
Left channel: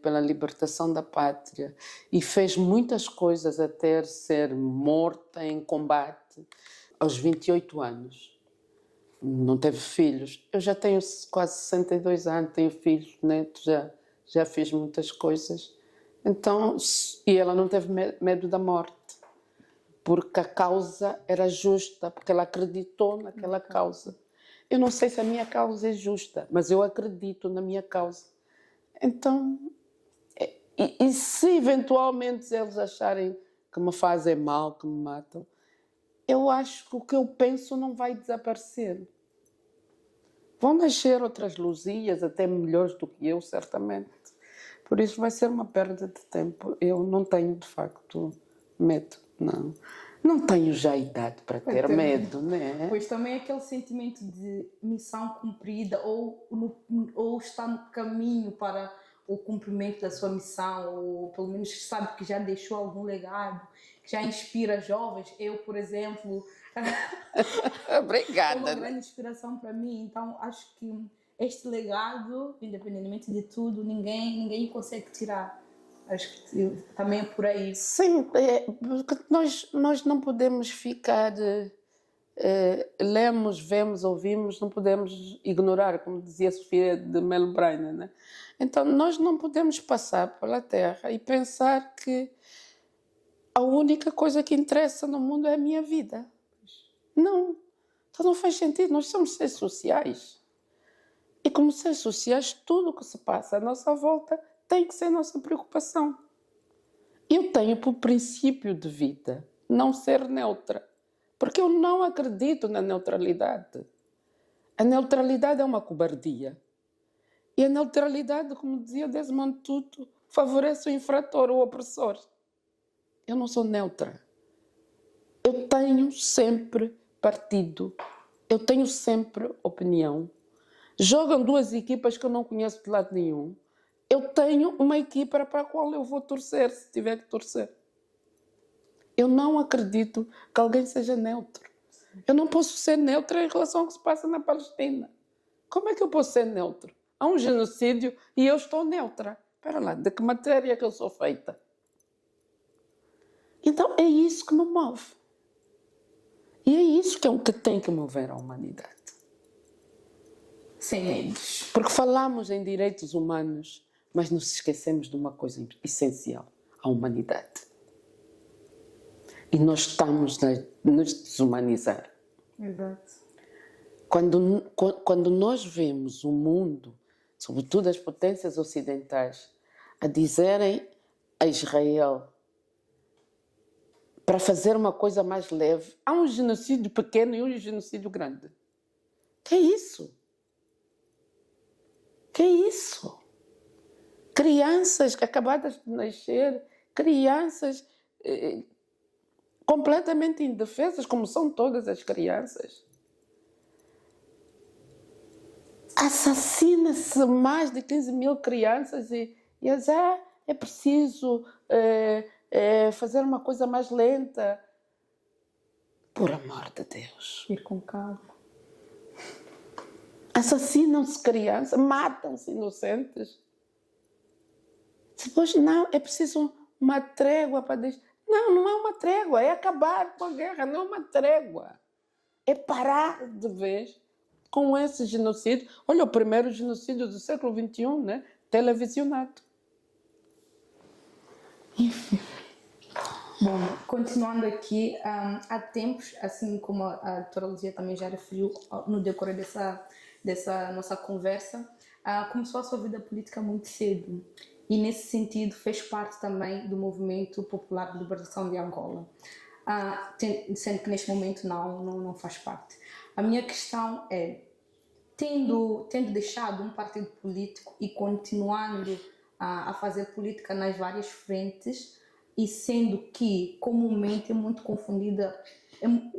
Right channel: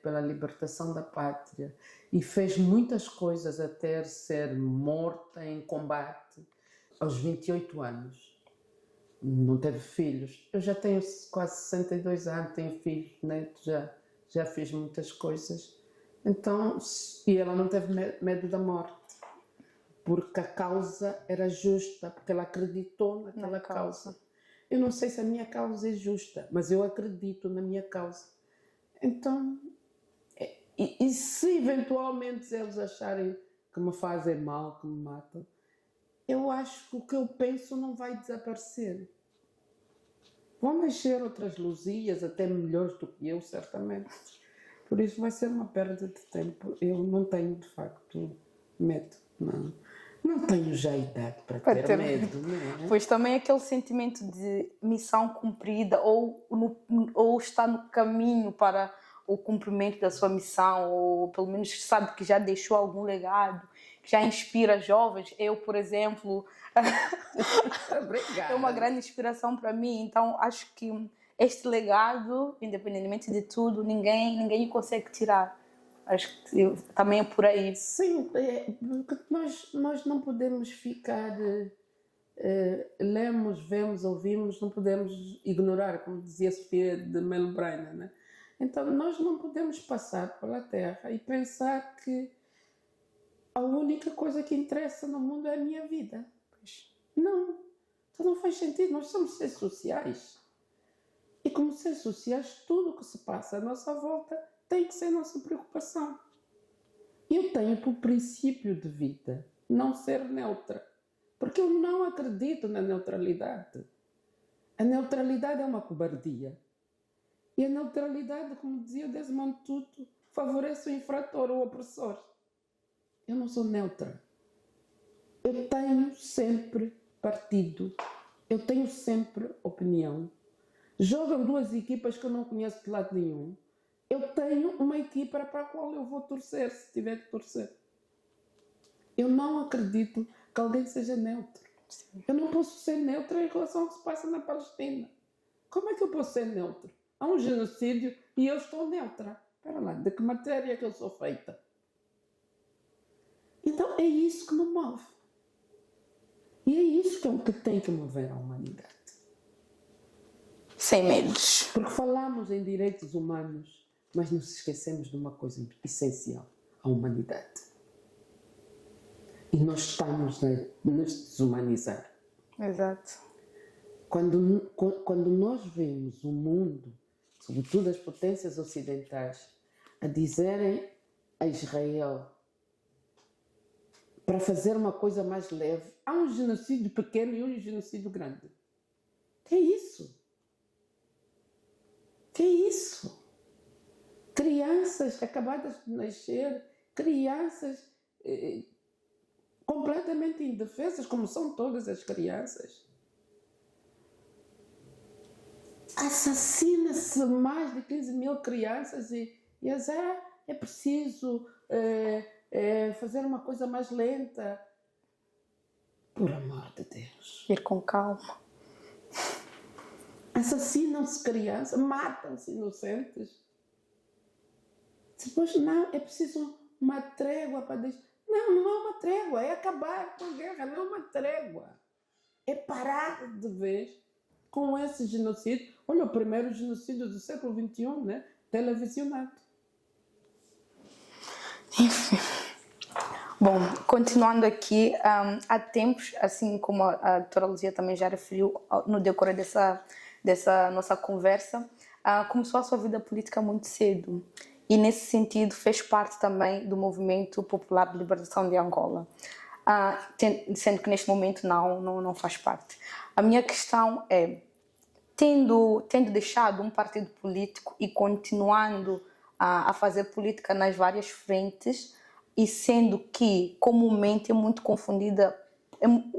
pela libertação da pátria e fez muitas coisas até ser morta em combate aos 28 anos. Não teve filhos. Eu já tenho quase 62 anos, tenho filhos, netos, já fiz muitas coisas. Então, e ela não teve medo da morte, porque a causa era justa, porque ela acreditou naquela causa. Eu não sei se a minha causa é justa, mas eu acredito na minha causa. Então, e se eventualmente eles acharem que me fazem mal, que me matam, eu acho que o que eu penso não vai desaparecer. Vão nascer outras Luzias, até melhores do que eu, certamente. Por isso vai ser uma perda de tempo. Eu não tenho, de facto, medo. Não tenho já idade para ter medo, né? Pois também aquele sentimento de missão cumprida ou está no caminho para o cumprimento da sua missão, ou pelo menos sabe que já deixou algum legado, que já inspira jovens. Eu, por exemplo, Obrigada. É uma grande inspiração para mim. Então, acho que este legado, independentemente de tudo, ninguém consegue tirar. Acho que também é por aí. Sim, porque nós não podemos ficar... lemos, vemos, ouvimos, não podemos ignorar, como dizia Sofia de Melo Braina, né? Então, nós não podemos passar pela Terra e pensar que a única coisa que interessa no mundo é a minha vida. Não. Então não faz sentido. Nós somos seres sociais. E como seres sociais, tudo o que se passa à nossa volta tem que ser nossa preocupação. Eu tenho por princípio de vida não ser neutra. Porque eu não acredito na neutralidade. A neutralidade é uma cobardia. E a neutralidade, como dizia Desmond Tutu, favorece o infrator, o opressor. Eu não sou neutra. Eu tenho sempre partido. Eu tenho sempre opinião. Jogam duas equipas que eu não conheço de lado nenhum. Eu tenho uma equipa para a qual eu vou torcer, se tiver que torcer. Eu não acredito que alguém seja neutro. Eu não posso ser neutra em relação ao que se passa na Palestina. Como é que eu posso ser neutro? Há um genocídio e eu estou neutra. Espera lá, de que matéria é que eu sou feita? Então é isso que me move. E é isso que tem que mover a humanidade. Sem medos. Porque falamos em direitos humanos, mas nos esquecemos de uma coisa essencial, a humanidade. E nós estamos a nos desumanizar. Exato. Quando nós vemos o mundo, sobretudo as potências ocidentais, a dizerem a Israel para fazer uma coisa mais leve, há um genocídio pequeno e um genocídio grande. Que é isso? Que é isso? Crianças acabadas de nascer, crianças completamente indefesas, como são todas as crianças. Assassina-se mais de 15 mil crianças e é preciso fazer uma coisa mais lenta. Por amor de Deus. Ir com calma. Assassinam-se crianças, matam-se inocentes. Depois, não, é preciso uma trégua para dizer. Não é uma trégua, é acabar com a guerra, não é uma trégua. É parar de vez com esse genocídio. Olha, o primeiro genocídio do século XXI, né? Televisionado. Enfim. Bom, continuando aqui, há tempos, assim como a doutora Luzia também já referiu no decorrer dessa nossa conversa, começou a sua vida política muito cedo e, nesse sentido, fez parte também do movimento popular de libertação de Angola, sendo que neste momento não faz parte. A minha questão é, tendo deixado um partido político e continuando a fazer política nas várias frentes, e sendo que comumente é muito confundida,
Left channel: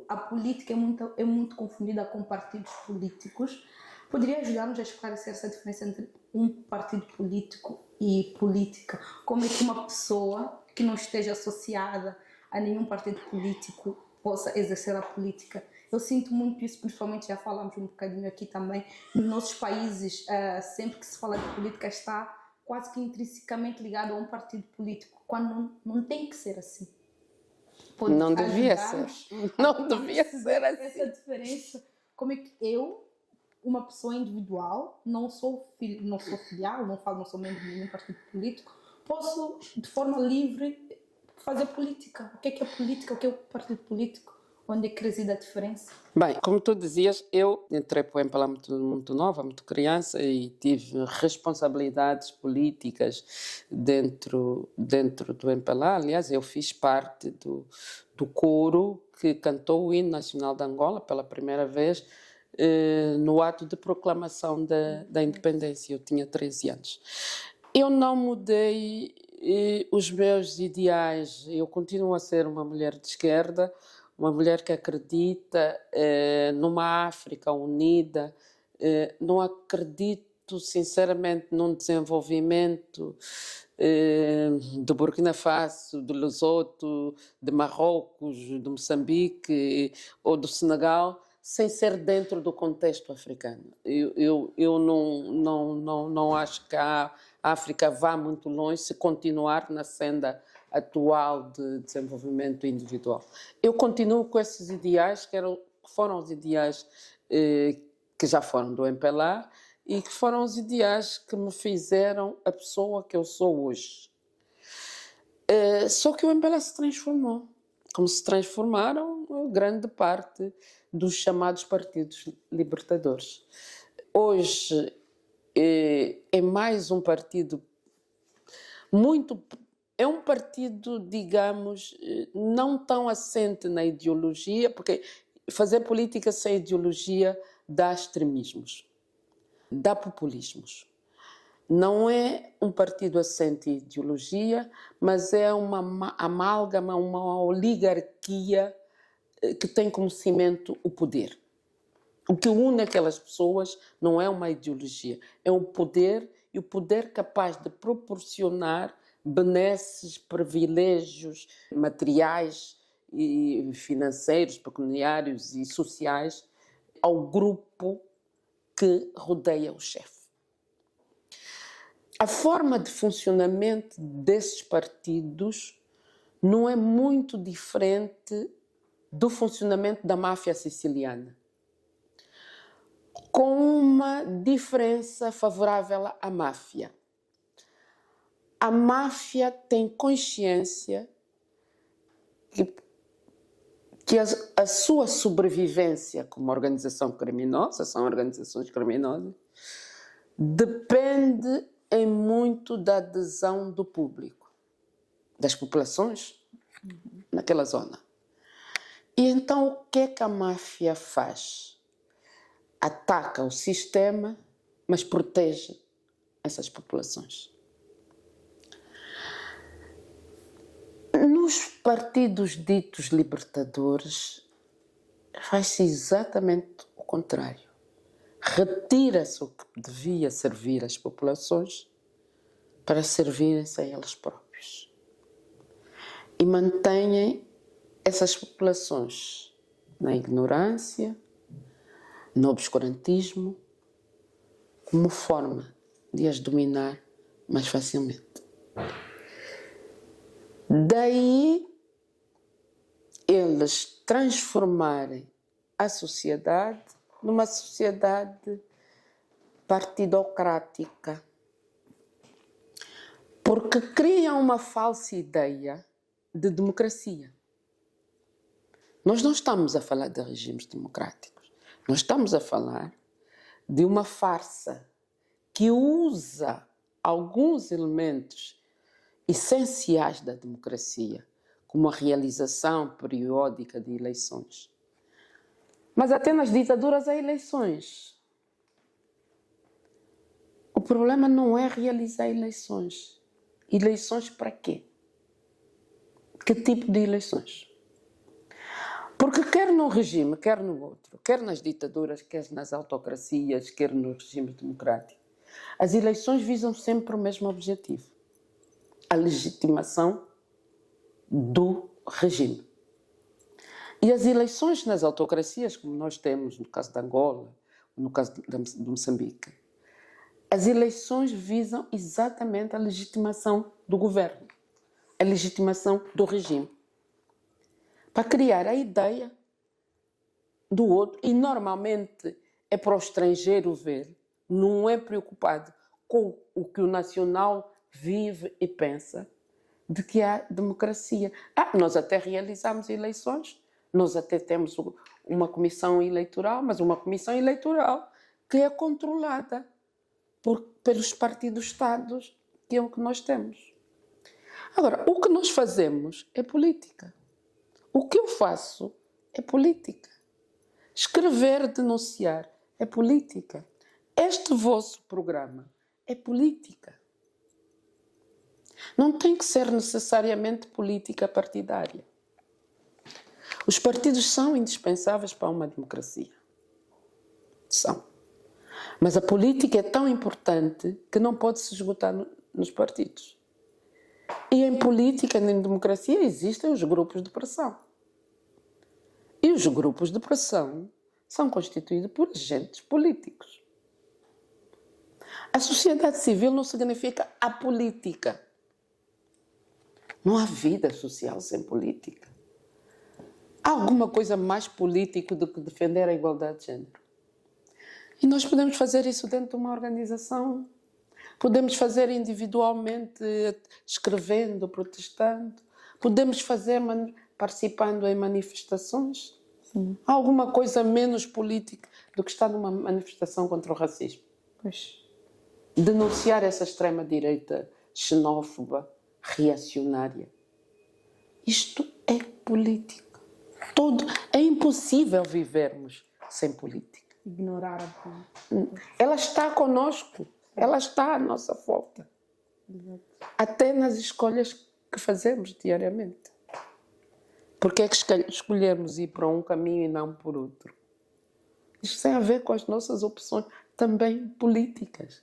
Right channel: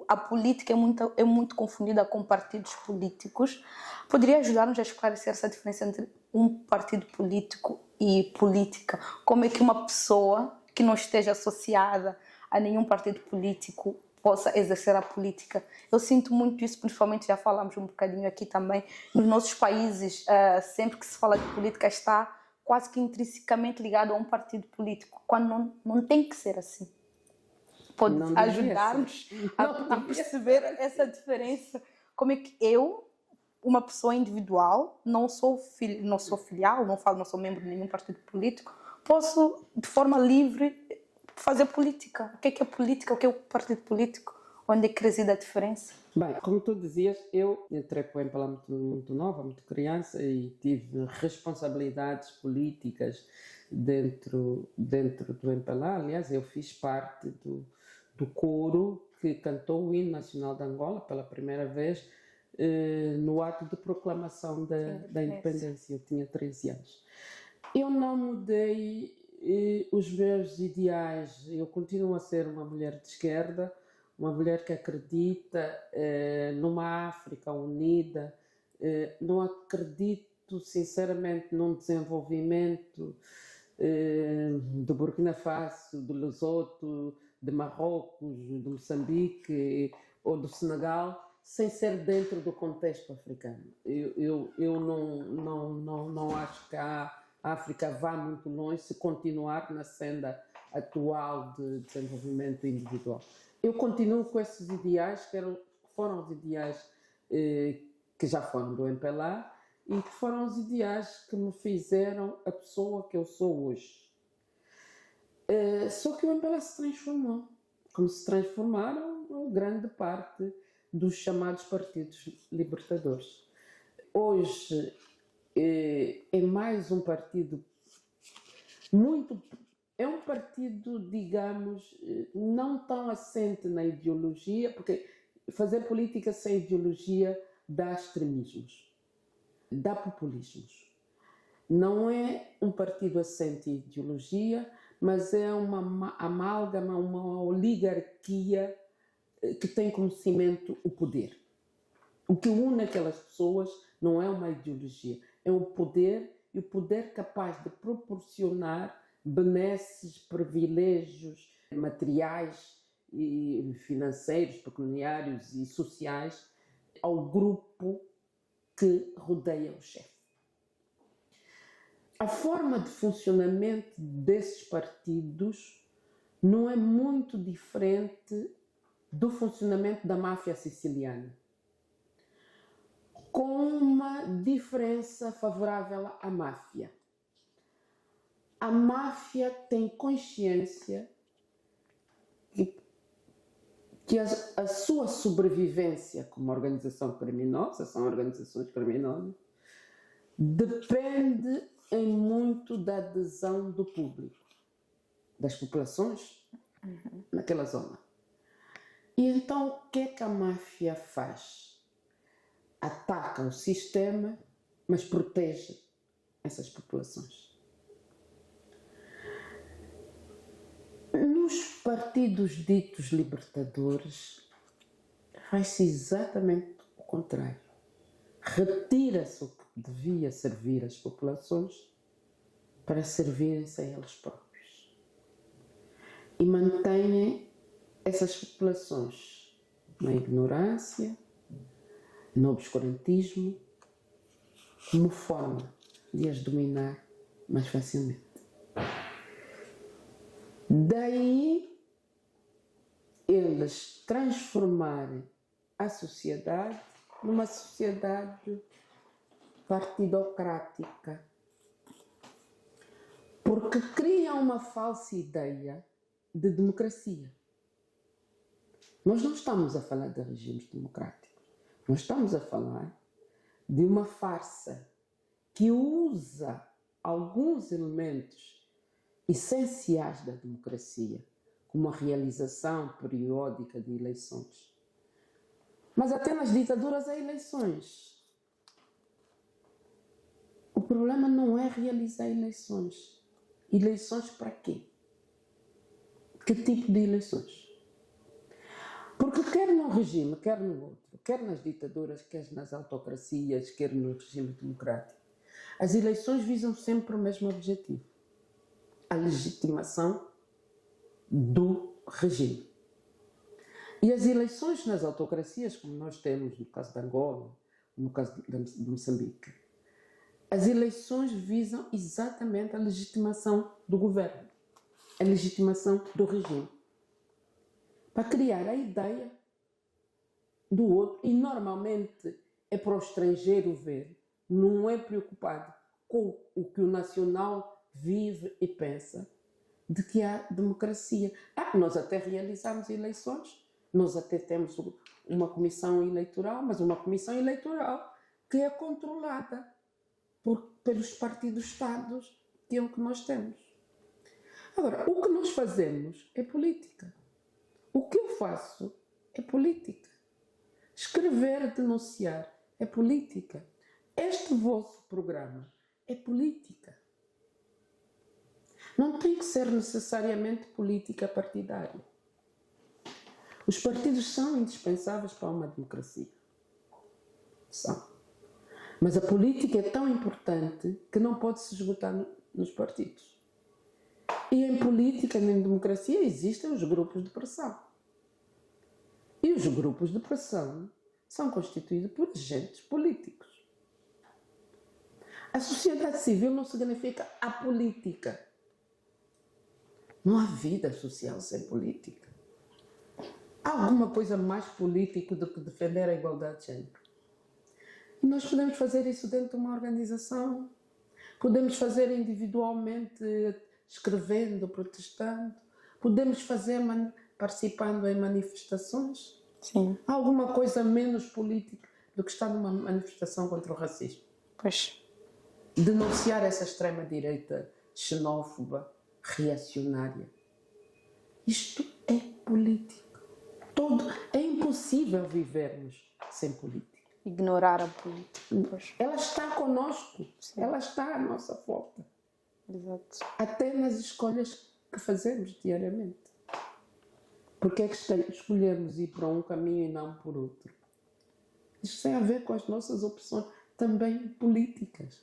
a política é muito confundida com partidos políticos, poderia ajudar-nos a esclarecer essa diferença entre um partido político e política? Como é que uma pessoa que não esteja associada a nenhum partido político possa exercer a política? Eu sinto muito isso, principalmente, já falamos um bocadinho aqui também, nos nossos países, sempre que se fala de política está quase que intrinsecamente ligado a um partido político, quando não tem que ser assim. Pode Não devia ajudar-nos ser. a Não devia perceber ser assim. essa diferença? Como é que eu, uma pessoa individual, não sou filial, não sou membro de nenhum partido político, posso, de forma livre, fazer política? O que é política? O que é o partido político? Onde é que reside a diferença? Bem, como tu dizias, eu entrei para o MPLA muito nova, muito criança, e tive responsabilidades políticas dentro do MPLA. Aliás, eu fiz parte do coro que cantou o hino nacional de Angola pela primeira vez no ato de proclamação da independência. Eu tinha 13 anos. Eu não mudei os meus ideais. Eu continuo a ser uma mulher de esquerda, uma mulher que acredita numa África unida. Não acredito, sinceramente, num desenvolvimento de Burkina Faso, de Lesoto, de Marrocos, de Moçambique ou do Senegal, sem ser dentro do contexto africano. Eu não acho que a África vá muito longe se continuar na senda atual de desenvolvimento individual. Eu continuo com esses ideais, que foram os ideais que já foram do MPLA e que foram os ideais que me fizeram a pessoa que eu sou hoje. Só que o MPLA se transformou, como se transformaram grande parte dos chamados partidos libertadores. Hoje é mais um partido é um partido, digamos, não tão assente na ideologia, porque fazer política sem ideologia dá extremismos, dá populismos. Não é um partido assente em ideologia, mas é uma amálgama, uma oligarquia que tem como cimento o poder. O que une aquelas pessoas não é uma ideologia, é um poder, e o poder capaz de proporcionar benesses, privilégios materiais e financeiros, pecuniários e sociais ao grupo que rodeia o chefe. A forma de funcionamento desses partidos não é muito diferente do funcionamento da máfia siciliana, com uma diferença favorável à máfia. A máfia tem consciência que a sua sobrevivência como organização criminosa, são organizações criminosas, depende em muito da adesão do público, das populações naquela zona. E então o que é que a máfia faz? Ataca o sistema, mas protege essas populações. Nos partidos ditos libertadores, faz-se exatamente o contrário. Retira-se o que devia servir às populações para servirem-se a eles próprios. E mantêm essas populações na ignorância, no obscurantismo, como forma de as dominar mais facilmente. Daí eles transformarem a sociedade numa sociedade partidocrática, porque criam uma falsa ideia de democracia. Nós não estamos a falar de regimes democráticos, nós estamos a falar de uma farsa que usa alguns elementos essenciais da democracia, como a realização periódica de eleições. Mas até nas ditaduras há eleições. O problema não é realizar eleições. Eleições para quê? Que tipo de eleições? Porque quer num regime, quer no outro, quer nas ditaduras, quer nas autocracias, quer no regime democrático, as eleições visam sempre o mesmo objetivo: a legitimação do regime. E as eleições nas autocracias, como nós temos no caso de Angola, no caso de Moçambique, as eleições visam exatamente a legitimação do governo, a legitimação do regime, para criar a ideia do outro. E normalmente é para o estrangeiro ver, não é preocupado com o que o nacional vive e pensa, de que há democracia. Nós até realizamos eleições, nós até temos uma comissão eleitoral, mas uma comissão eleitoral que é controlada pelos partidos-estados, que é o que nós temos. Agora, o que nós fazemos é política. O que eu faço é política. Escrever, denunciar é política. Este vosso programa é política. Não tem que ser necessariamente política partidária. Os partidos são indispensáveis para uma democracia. São. Mas a política é tão importante que não pode se esgotar nos partidos. E em política, em democracia, existem os grupos de pressão. E os grupos de pressão são constituídos por agentes políticos. A sociedade civil não significa a política. Não há vida social sem política. Há alguma coisa mais política do que defender a igualdade de género? E nós podemos fazer isso dentro de uma organização. Podemos fazer individualmente, escrevendo, protestando. Podemos fazer participando em manifestações. Sim. Há alguma coisa menos política do que estar numa manifestação contra o racismo? Pois. Denunciar essa extrema-direita xenófoba, reacionária. Isto é política. É impossível vivermos sem política. Ignorar a política. Ela está conosco. Sim. Ela está à nossa volta. Exato. Até nas escolhas que fazemos diariamente. Porque é que escolhemos ir para um caminho e não por outro? Isto tem a ver com as nossas opções também políticas.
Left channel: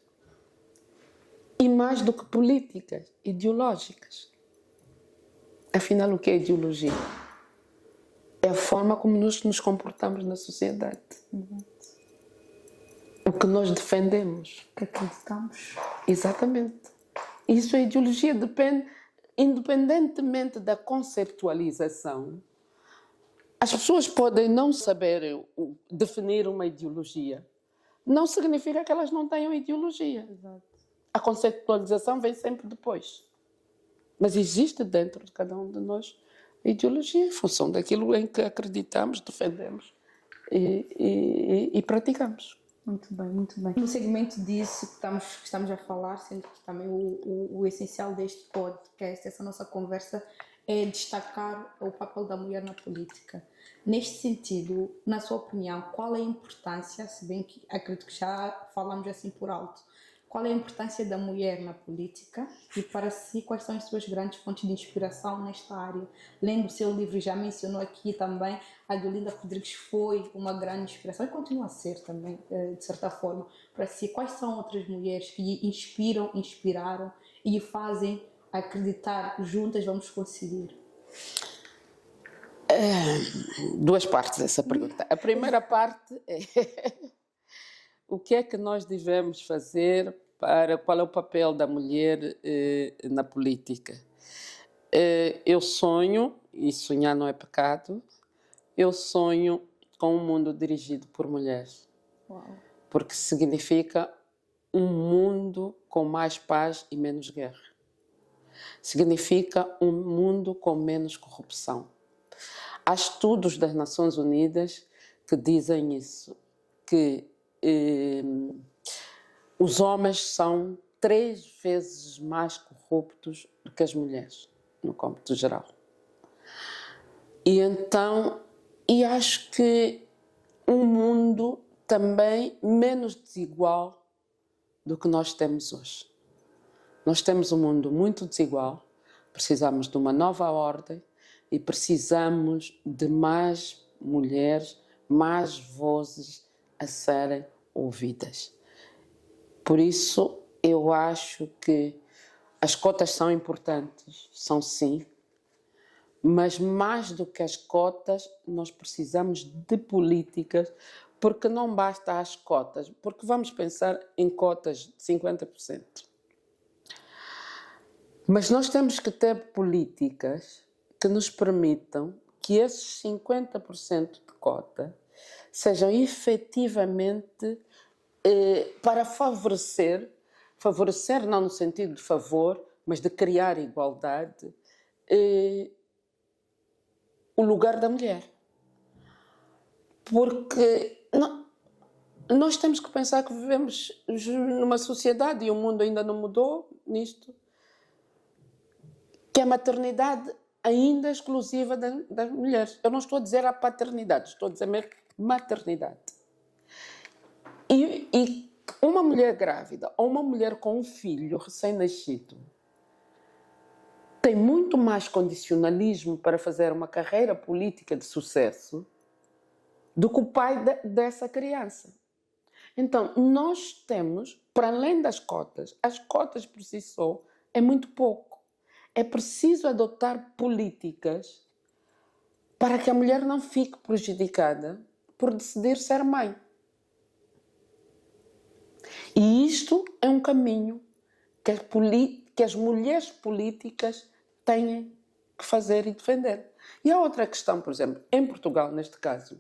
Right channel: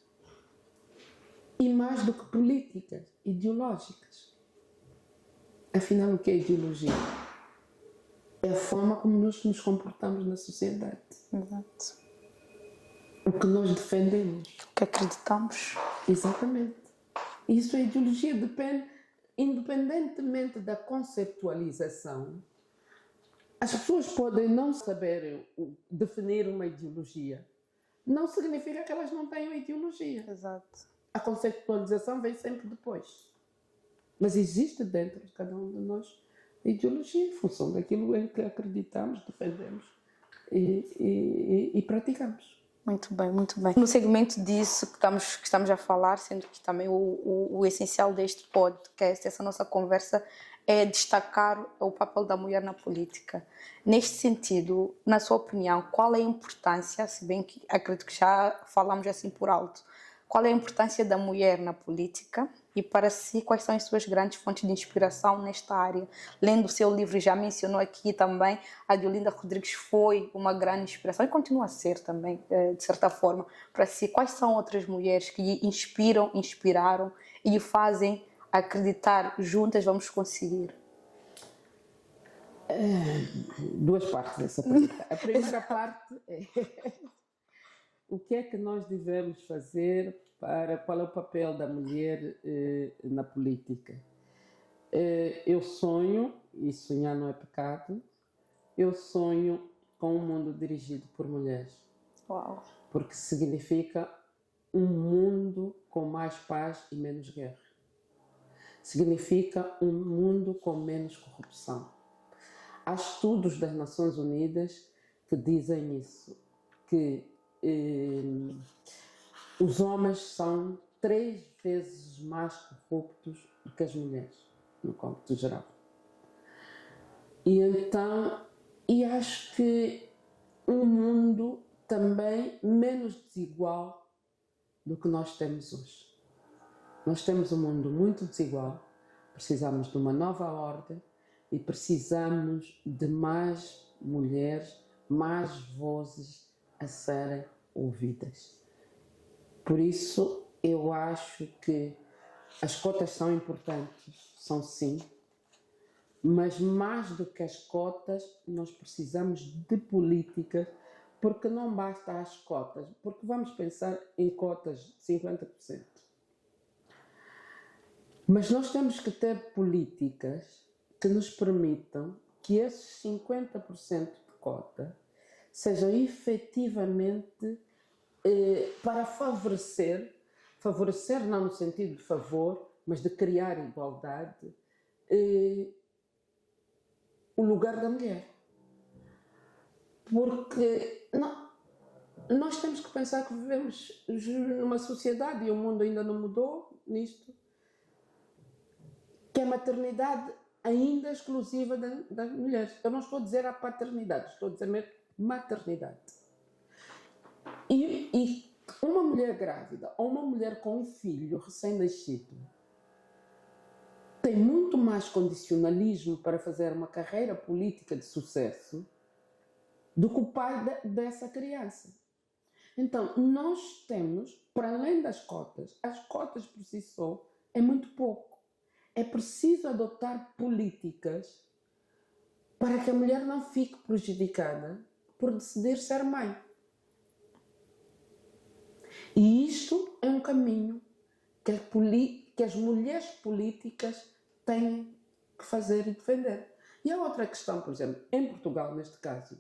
E mais do que políticas, ideológicas. Afinal, o que é ideologia? É a forma como nós nos comportamos na sociedade. Exato. O que nós defendemos. O que acreditamos. Exatamente. Isso, a ideologia depende, independentemente da conceptualização. As pessoas podem não saber definir uma ideologia. Não significa que elas não tenham ideologia. Exato. A conceptualização vem sempre depois. Mas existe dentro de cada um de nós ideologia em função daquilo em que acreditamos, defendemos e praticamos. Muito bem, muito bem. No segmento disso que estamos a falar, sendo que também o essencial deste podcast, essa nossa conversa, é destacar o papel da mulher na política. Neste sentido, na sua opinião, qual é a importância, se bem que acredito que já falamos assim por alto, qual é a importância da mulher na política e, para si, quais são as suas grandes fontes de inspiração nesta área? Lendo o seu livro, já mencionou aqui também, a Deolinda Rodrigues foi uma grande inspiração e continua a ser também, de certa forma. Para si, quais são outras mulheres que lhe inspiraram e lhe fazem acreditar, juntas vamos conseguir? Duas partes dessa pergunta. A primeira parte é o que é que nós devemos fazer qual é o papel da mulher na política. Eu sonho, e sonhar não é pecado, eu sonho com um mundo dirigido por mulheres. Uau. Porque significa um mundo com mais paz e menos guerra. Significa um mundo com menos corrupção. Há estudos das Nações Unidas que dizem isso, que os homens são 3 vezes mais corruptos do que as mulheres, no cômputo geral. E acho que um mundo também menos desigual do que nós temos hoje. Nós temos um mundo muito desigual, precisamos de uma nova ordem e precisamos de mais mulheres, mais vozes a serem ouvidas. Por isso, eu acho que as cotas são importantes, são sim, mas mais do que as cotas, nós precisamos de políticas, porque não basta as cotas, porque vamos pensar em cotas de 50%. Mas nós temos que ter políticas que nos permitam que esses 50% de cota sejam efetivamente para favorecer não no sentido de favor, mas de criar igualdade, o lugar da mulher. Porque nós temos que pensar que vivemos numa sociedade, e o mundo ainda não mudou nisto, que a maternidade ainda é exclusiva das mulheres. Eu não estou a dizer a paternidade, estou a dizer mesmo maternidade. E uma mulher grávida ou uma mulher com um filho recém-nascido tem muito mais condicionalismo para fazer uma carreira política de sucesso do que o pai dessa criança. Então, nós temos, para além das cotas, as cotas por si só é muito pouco. É preciso adotar políticas para que a mulher não fique prejudicada por decidir ser mãe. E isto é um caminho que as mulheres políticas têm que fazer e defender. E a outra questão, por exemplo, em Portugal, neste caso,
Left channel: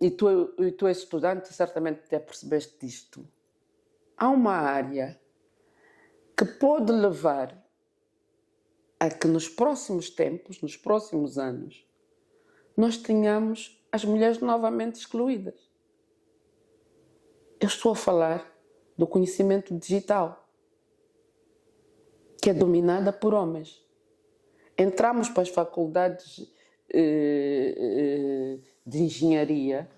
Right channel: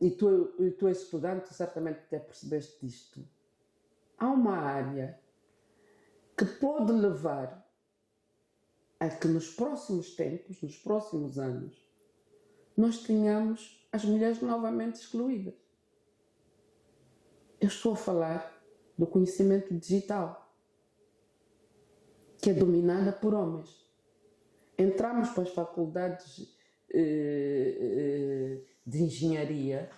e tu és estudante, certamente até percebeste disto, há uma área que pode levar a que nos próximos tempos, nos próximos anos, nós tenhamos as mulheres novamente excluídas. Eu estou a falar do conhecimento digital, que é dominada por homens. Entramos para as faculdades de engenharia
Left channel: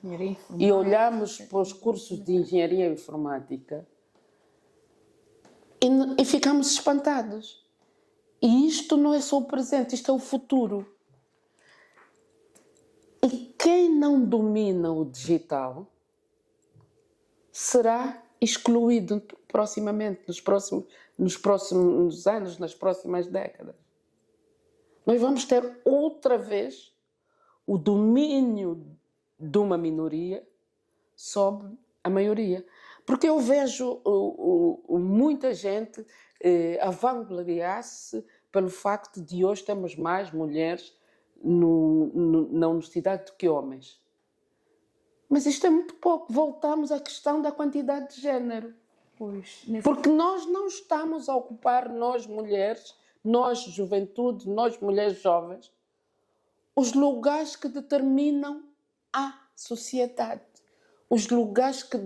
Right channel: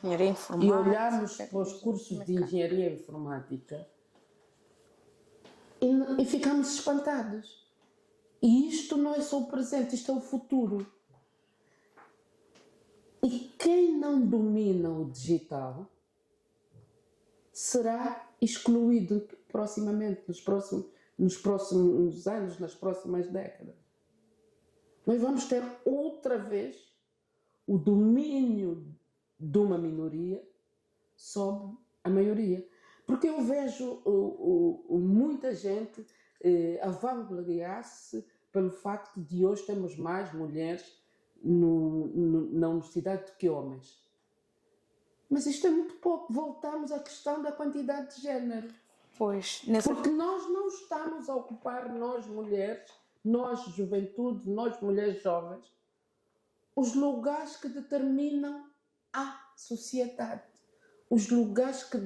e olhamos para os cursos de engenharia informática e ficamos espantados. E isto não é só o presente, isto é o futuro. E quem não domina o digital será excluído proximamente, nos próximos anos, nas próximas décadas. Nós vamos ter outra vez o domínio de uma minoria sobre a maioria. Porque eu vejo muita gente a vangloriar-se pelo facto de hoje termos mais mulheres na universidade do que homens. Mas isto é muito pouco. Voltamos à questão da quantidade de género. Porque nós não estamos a ocupar, nós mulheres, nós juventude, nós mulheres jovens, os lugares que determinam a sociedade. Os lugares que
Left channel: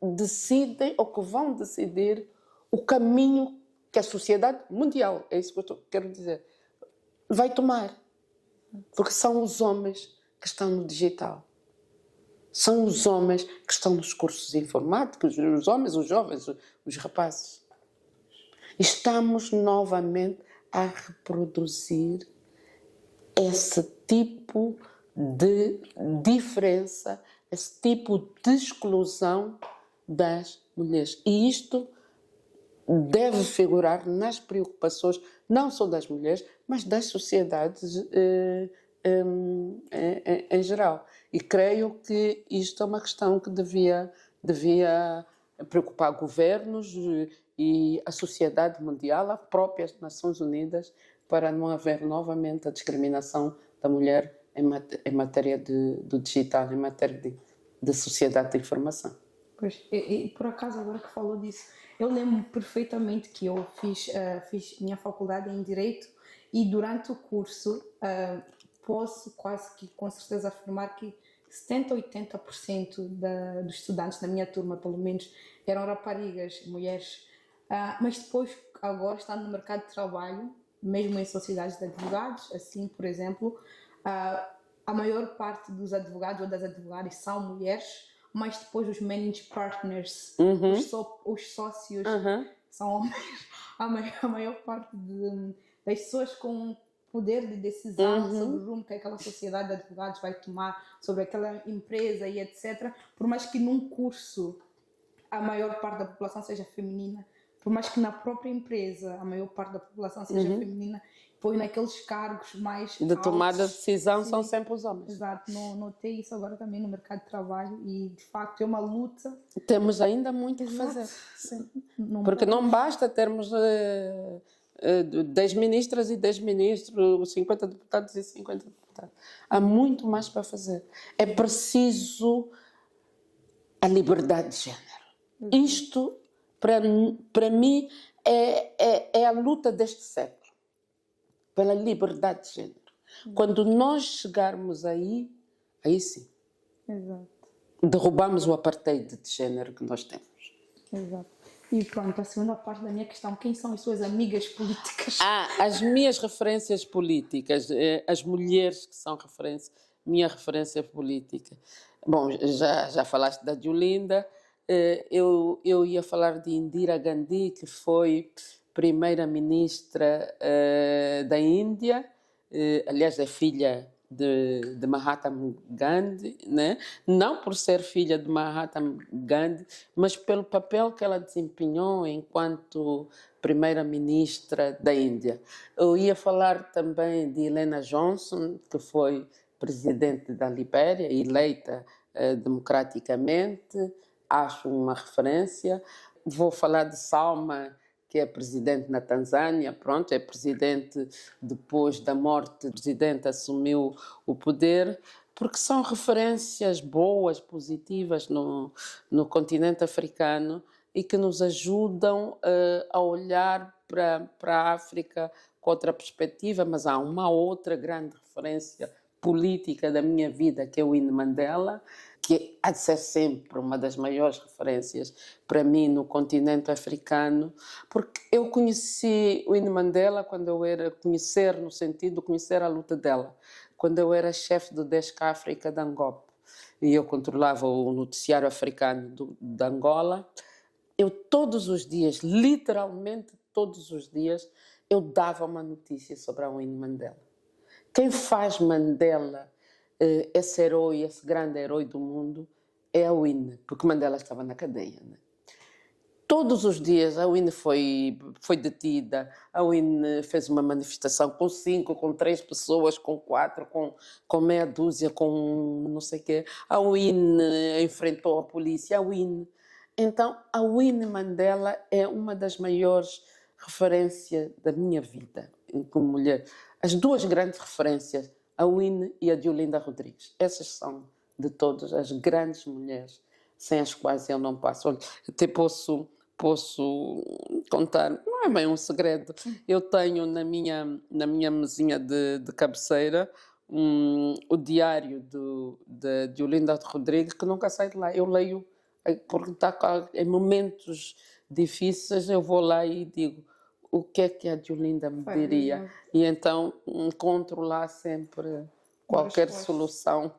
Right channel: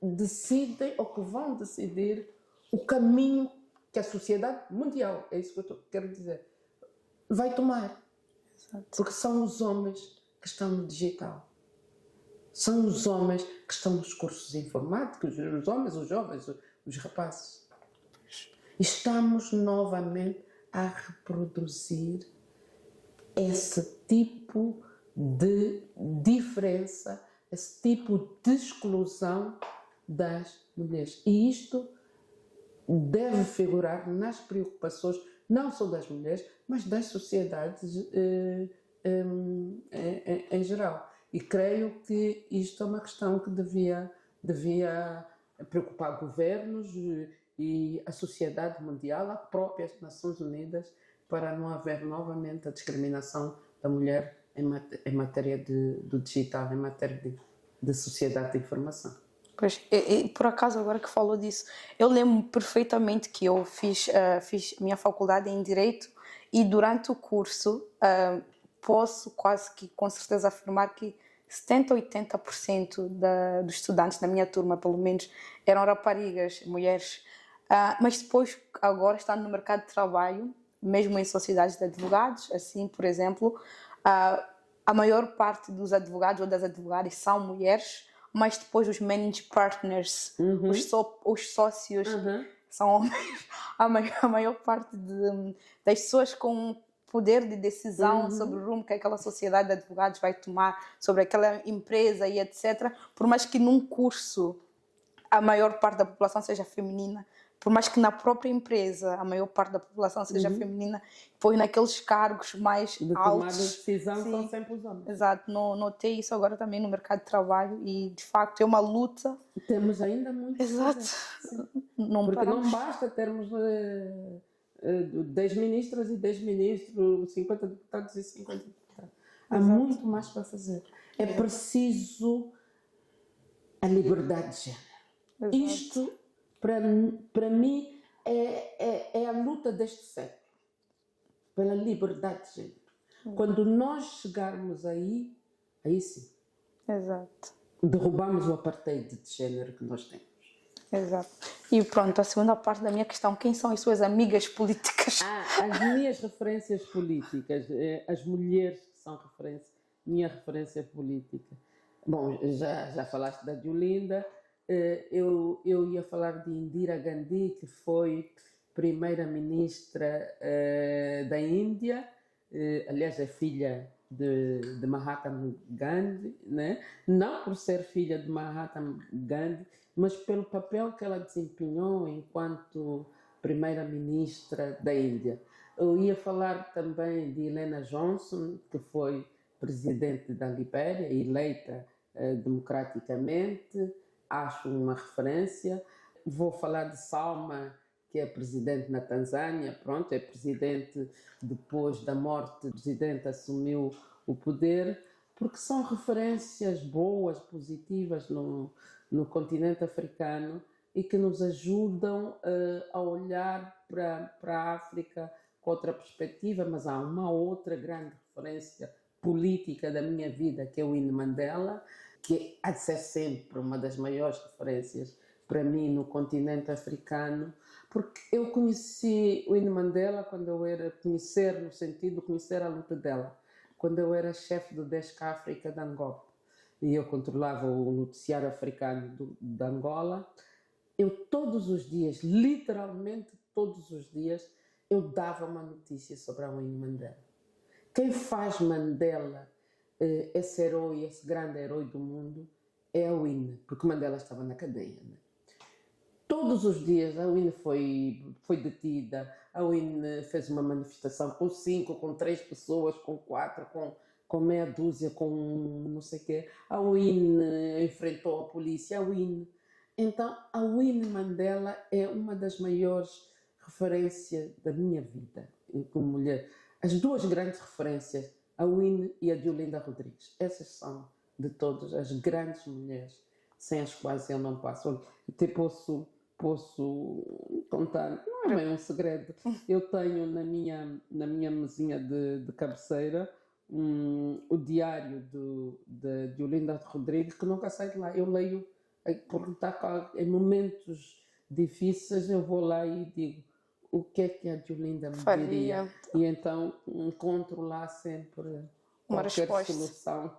decidem ou que vão decidir o caminho que a sociedade mundial, é isso que eu quero dizer, vai tomar. Porque são os homens que estão no digital. São os homens que estão nos cursos informáticos, os homens, os jovens, os rapazes. Estamos novamente a reproduzir esse tipo de diferença, esse tipo de exclusão das mulheres. E isto deve figurar nas preocupações, não só das mulheres, mas das sociedades em geral. E creio que isto é uma questão que devia preocupar governos e a sociedade mundial, as próprias Nações Unidas, para não haver novamente a discriminação da mulher em matéria do digital, em matéria de sociedade da informação. Pois, e por acaso, agora que falou disso, eu lembro perfeitamente que eu fiz minha faculdade em Direito e durante o curso posso quase que com certeza afirmar que 70% a 80% dos estudantes da minha turma, pelo menos, eram raparigas, mulheres. Mas depois, agora, estando no mercado de trabalho, mesmo em sociedades de advogados, assim, por exemplo, a maior parte dos advogados ou das advogadas são mulheres, mas depois os managing partners, os sócios, são homens. A maior parte das pessoas com poder de decisão sobre o rumo que aquela sociedade de advogados vai tomar, sobre aquela empresa e etc. Por mais que num curso a maior parte da população seja feminina, por mais que na própria empresa a maior parte da população seja feminina, pois naqueles cargos mais de tomada de altos, decisão são sempre os homens. Exato, notei isso agora também no mercado de trabalho e de facto é uma luta. Temos ainda muito a fazer. Sim. Porque não basta termos 10 ministras e 10 ministros, 50 deputados e 50 deputados. Há muito mais para fazer. É preciso a liberdade de género. Exato. Isto, para mim, é a luta deste século. Pela liberdade de género. Quando nós chegarmos aí sim. Exato. Derrubamos o apartheid de género que nós temos. Exato. E pronto, a segunda parte da minha questão, quem são as suas amigas políticas? As minhas referências políticas, as mulheres que são minha referência política. Bom, já falaste da Diolinda, eu ia falar de Indira Gandhi, que foi primeira-ministra da Índia, aliás é filha de Mahatma Gandhi, né? Não por ser filha de Mahatma Gandhi, mas pelo papel que ela desempenhou enquanto primeira-ministra da Índia. Eu ia falar também de Helena Johnson, que foi presidente da Libéria, eleita democraticamente, acho uma referência. Vou falar de Salma, que é presidente na Tanzânia, pronto, é presidente depois da morte, o presidente assumiu o poder, porque são referências boas, positivas no continente africano e que nos ajudam a olhar para a África com outra perspectiva, mas há uma outra grande referência política da minha vida, que é o Winnie Mandela, que há de ser sempre uma das maiores referências para mim no continente africano, porque eu conheci o Winnie Mandela quando eu era conhecer, no sentido de conhecer a luta dela, quando eu era chefe do Desk África da Angola, e eu controlava o noticiário africano de Angola. Eu todos os dias, literalmente todos os dias, eu dava uma notícia sobre a Winnie Mandela. Quem faz Mandela esse herói, esse grande herói do mundo, é a Winnie, porque Mandela estava na cadeia. Né? Todos os dias a Winnie foi detida, a Winnie fez uma manifestação com 5, com 3 pessoas, com 4, com meia dúzia, com não sei o quê. A Winnie enfrentou a polícia, a Winnie. Então, a Winnie Mandela é uma das maiores referências da minha vida como mulher. As duas grandes referências, a Winnie e a Diolinda Rodrigues. Essas são, de todas, as grandes mulheres sem as quais eu não passo. Olha, até posso contar, não é bem um segredo. Eu tenho na minha mesinha de cabeceira o diário de Diolinda Rodrigues, que nunca sai de lá. Eu leio, porque está em momentos difíceis, eu vou lá e digo o que é que a Diolinda me diria. E então encontro lá sempre qualquer solução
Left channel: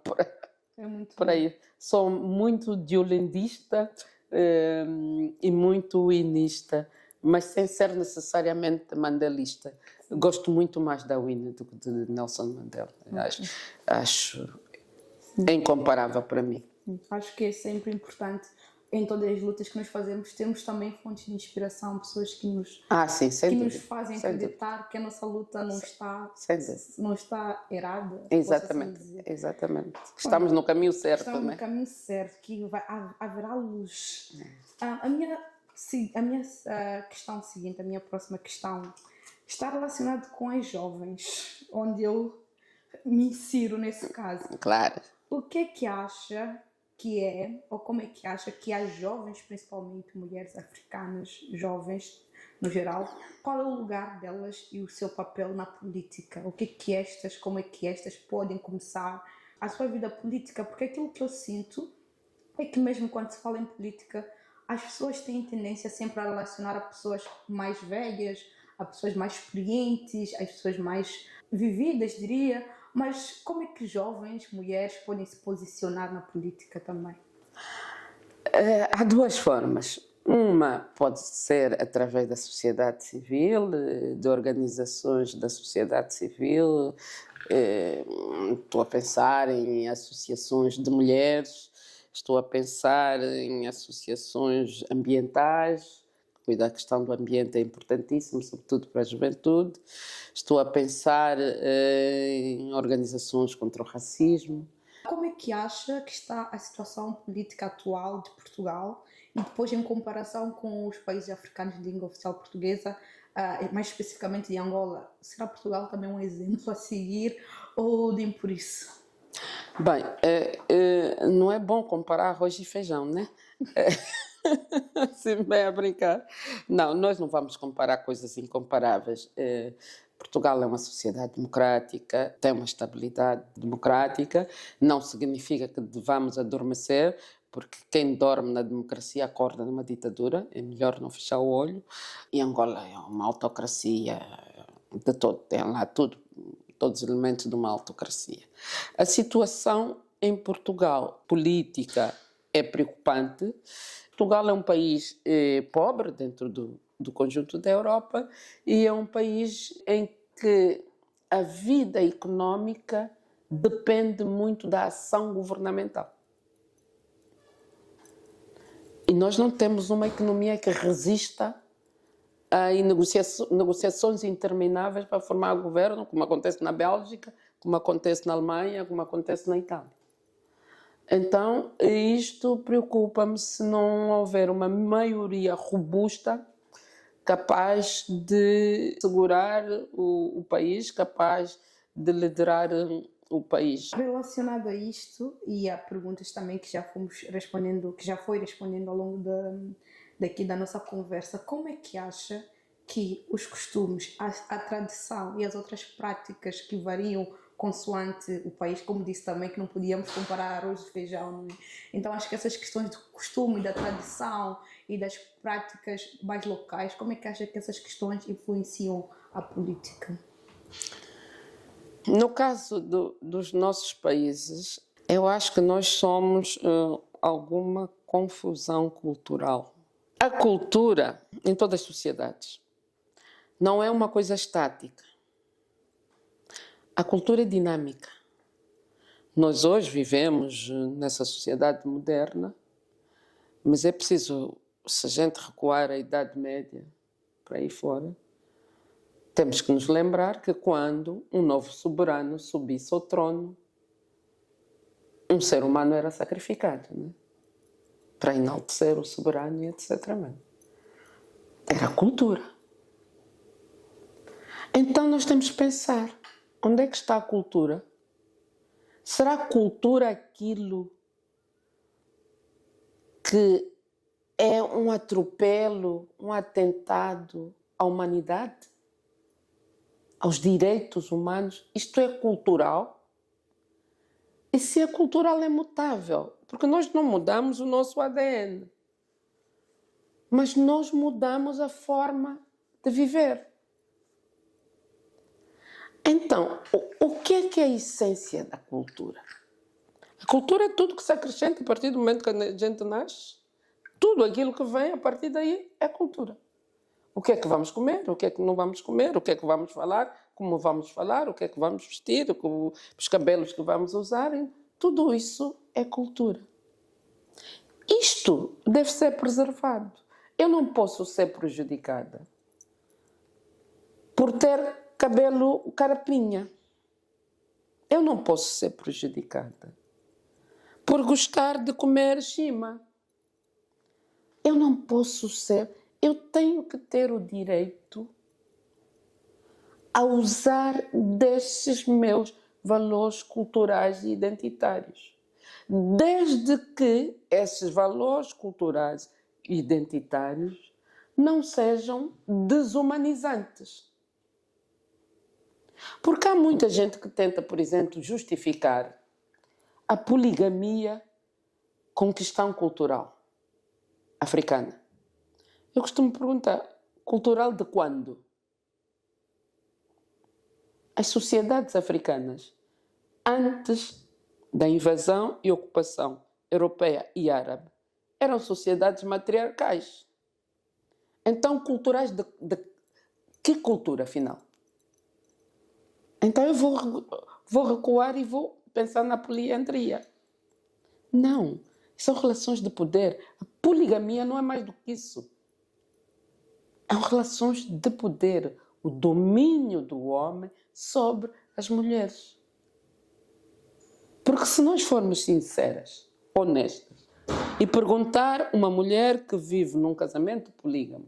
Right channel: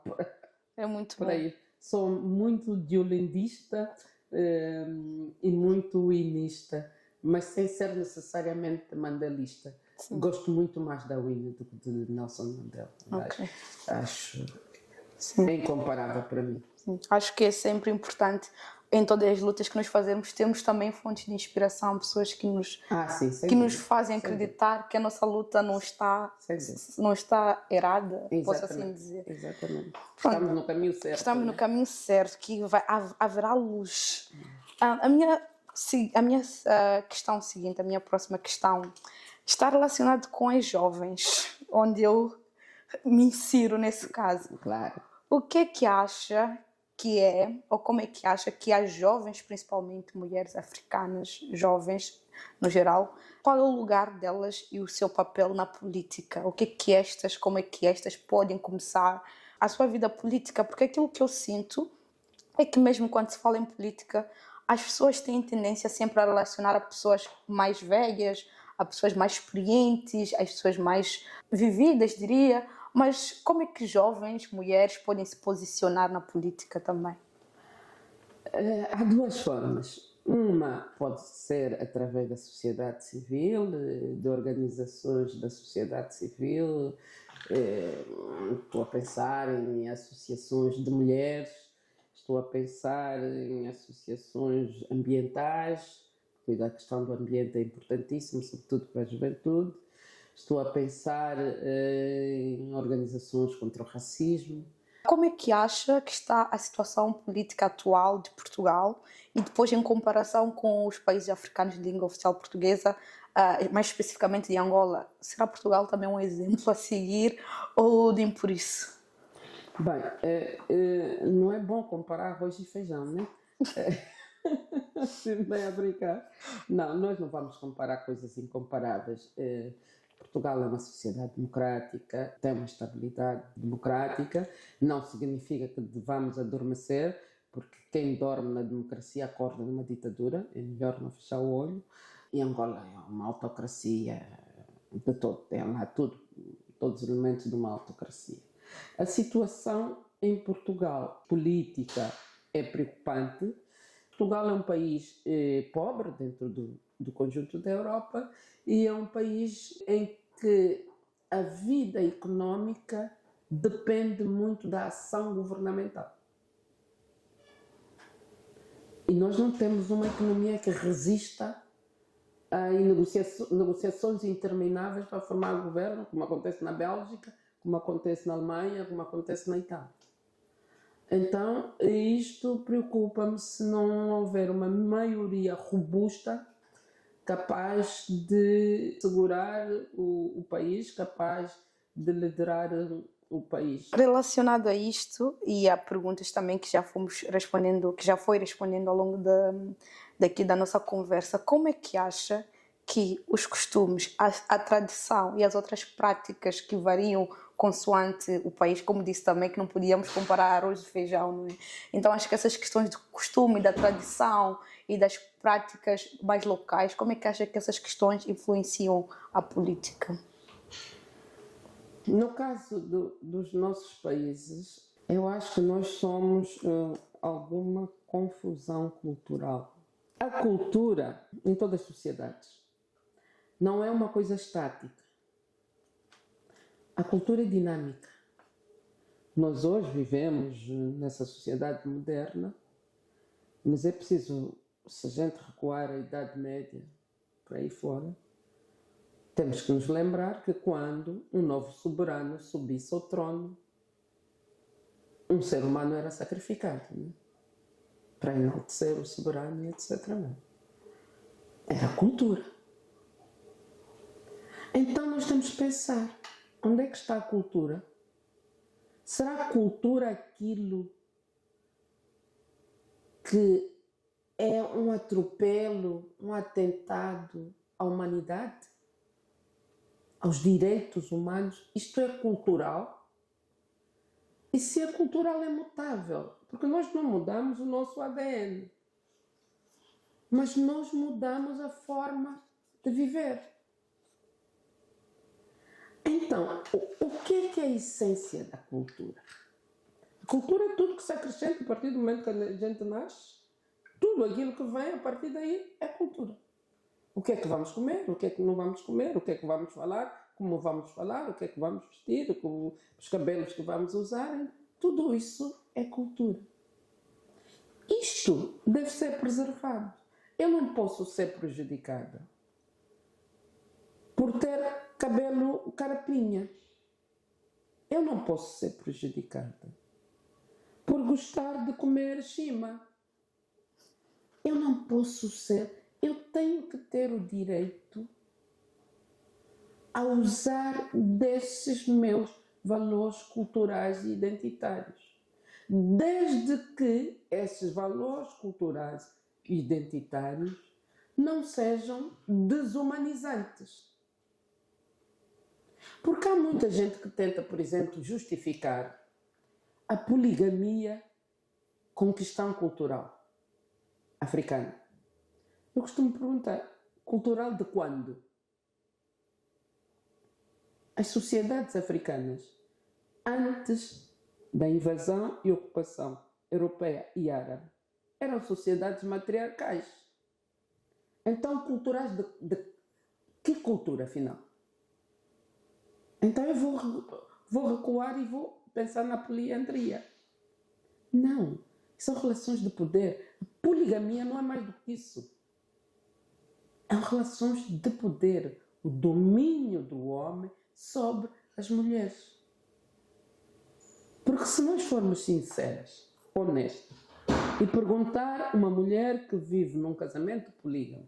para ir. Sou muito diolindista e muito winista, mas sem ser necessariamente mandelista. Sim. Gosto muito mais da Winnie do que de Nelson Mandela. Okay. Acho incomparável para mim. Sim. Acho que é sempre importante, em todas as lutas que nós fazemos, temos também fontes de inspiração, pessoas que nos fazem acreditar que a nossa luta não está errada. Exatamente. Assim dizer. Exatamente. Estamos no caminho certo. Estamos no caminho certo, que haverá luz. A minha questão seguinte, a minha próxima questão, está relacionada com as jovens, onde eu me insiro nesse caso. Claro. O que é que acha que é, ou como é que acha que as jovens, principalmente mulheres africanas, jovens no geral, qual é o lugar delas e o seu papel na política? O que é que como é que estas podem começar a sua vida política, porque aquilo que eu sinto é que mesmo quando se fala em política, as pessoas têm tendência sempre a relacionar a pessoas mais velhas, a pessoas mais experientes, as pessoas mais vividas, diria. Mas como é que jovens, mulheres, podem se posicionar na política também? Há duas formas. Uma pode ser através da sociedade civil, de organizações da sociedade civil. Estou a pensar em associações de mulheres, estou a pensar em associações ambientais. Cuidar da questão do ambiente é importantíssimo, sobretudo para a juventude. Estou a pensar em organizações contra o racismo. Como é que acha que está a situação política atual de Portugal e depois em comparação com os países africanos de língua oficial portuguesa, mais especificamente de Angola? Será Portugal também um exemplo a seguir ou nem por isso? Bem, não é bom comparar arroz e feijão, né? Se bem a brincar. Não, nós não vamos comparar coisas incomparáveis. Portugal é uma sociedade democrática, tem uma estabilidade democrática, não significa que devamos adormecer, porque quem dorme na democracia acorda numa ditadura, é melhor não fechar o olho. E Angola é uma autocracia de todo, tem lá tudo, todos os elementos de uma autocracia. A situação em Portugal, política, é preocupante. Portugal é um país pobre dentro do conjunto da Europa e é um país em que a vida económica depende muito da ação governamental. E nós não temos uma economia que resista a negociações intermináveis para formar governo, como acontece na Bélgica, como acontece na Alemanha, como acontece na Itália. Então, isto preocupa-me se não houver uma maioria robusta capaz de segurar o país, capaz de liderar o país. Relacionado a isto e a perguntas também que já fomos respondendo, que já foi respondendo ao longo daqui da nossa conversa, como é que acha que os costumes, a tradição e as outras práticas que variam consoante o país, como disse também que não podíamos comparar arroz e feijão, não é? Então acho que essas questões do costume, da tradição e das práticas mais locais, como é que acha que essas questões influenciam a política? No caso dos nossos países, eu acho que nós somos alguma confusão cultural. A cultura, em todas as sociedades, não é uma coisa estática. A cultura é dinâmica. Nós hoje vivemos nessa sociedade moderna, mas é preciso, se a gente recuar à Idade Média, para aí fora, temos que nos lembrar que quando um novo soberano subisse ao trono, um ser humano era sacrificado, né? Para enaltecer o soberano e etc. Era a cultura. Então nós temos que pensar, onde é que está a cultura? Será a cultura aquilo que é um atropelo, um atentado à humanidade? Aos direitos humanos? Isto é cultural? E se é cultural é mutável? Porque nós não mudamos o nosso ADN, mas nós mudamos a forma de viver. Então, o que é a essência da cultura? A cultura é tudo que se acrescenta a partir do momento que a gente nasce. Tudo aquilo que vem a partir daí é cultura. O que é que vamos comer, o que é que não vamos comer, o que é que vamos falar, como vamos falar, o que é que vamos vestir, os cabelos que vamos usar, tudo isso é cultura. Isto deve ser preservado. Eu não posso ser prejudicada por ter cabelo carapinha. Eu não posso ser prejudicada por gostar de comer chima. Eu não posso ser. Eu tenho que ter o direito a usar desses meus valores culturais e identitários, desde que esses valores culturais e identitários não sejam desumanizantes. Porque há muita gente que tenta, por exemplo, justificar a poligamia como questão cultural africana. Eu costumo perguntar, cultural de quando? As sociedades africanas, antes da invasão e ocupação europeia e árabe, eram sociedades matriarcais. Então, culturais de que cultura, afinal? Então eu vou recuar e vou pensar na poliandria. Não, são relações de poder. A poligamia não é mais do que isso. São relações de poder, o domínio do homem sobre as mulheres. Porque se nós formos sinceras, honestas, e perguntar uma mulher que vive num casamento polígamo,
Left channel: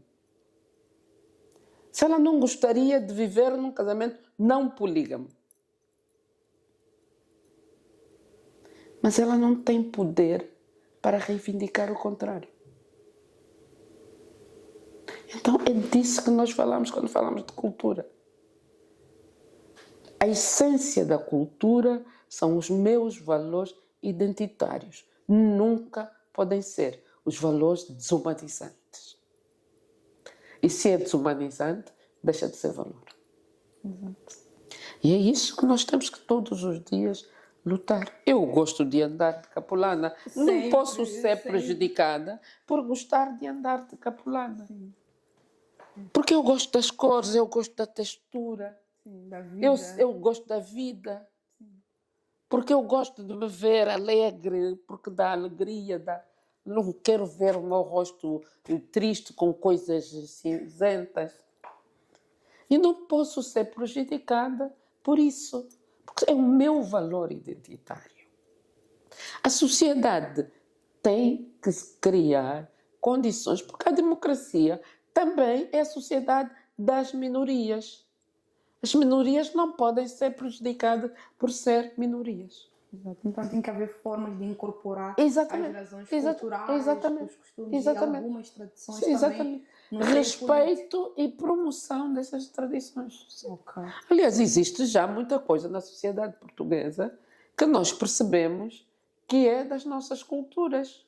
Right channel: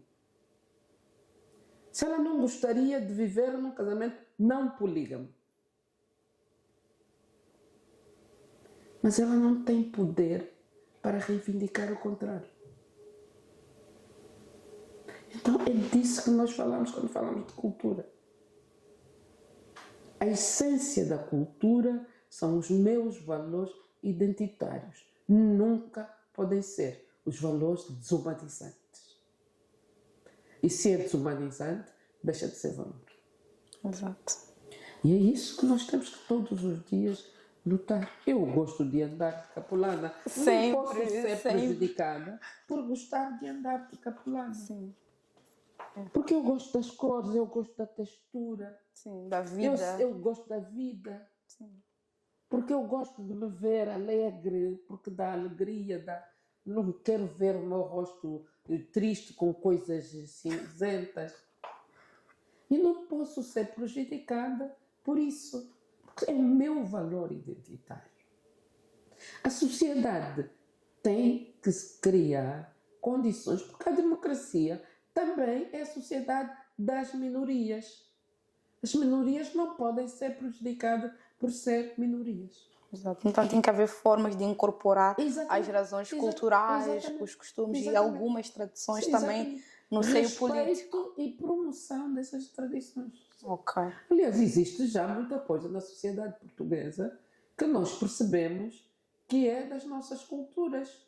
se ela não gostaria de viver num casamento não polígamo, mas ela não tem poder para reivindicar o contrário. Então é disso que nós falamos quando falamos de cultura. A essência da cultura são os meus valores identitários. Nunca podem ser os valores desumanizantes. E se é desumanizante, deixa de ser valor. Exato. E é isso que nós temos que todos os dias lutar. Eu gosto de andar de capulana. Não posso ser prejudicada por gostar de andar de capulana. Sim. Porque eu gosto das cores, eu gosto da textura. Sim, da vida. Eu gosto da vida. Sim. Porque eu gosto de me ver alegre, porque dá alegria, não quero ver o meu rosto triste com coisas cinzentas. E não posso ser prejudicada por isso, porque é o meu valor identitário. A sociedade tem que criar condições, porque a democracia também é a sociedade das minorias. As minorias não podem ser prejudicadas por ser minorias. Exato. Então tem que haver formas de incorporar as razões culturais, os costumes e algumas tradições também no respeito e promoção dessas tradições. Okay. Aliás, existe já muita coisa na sociedade portuguesa que nós percebemos que é das nossas culturas.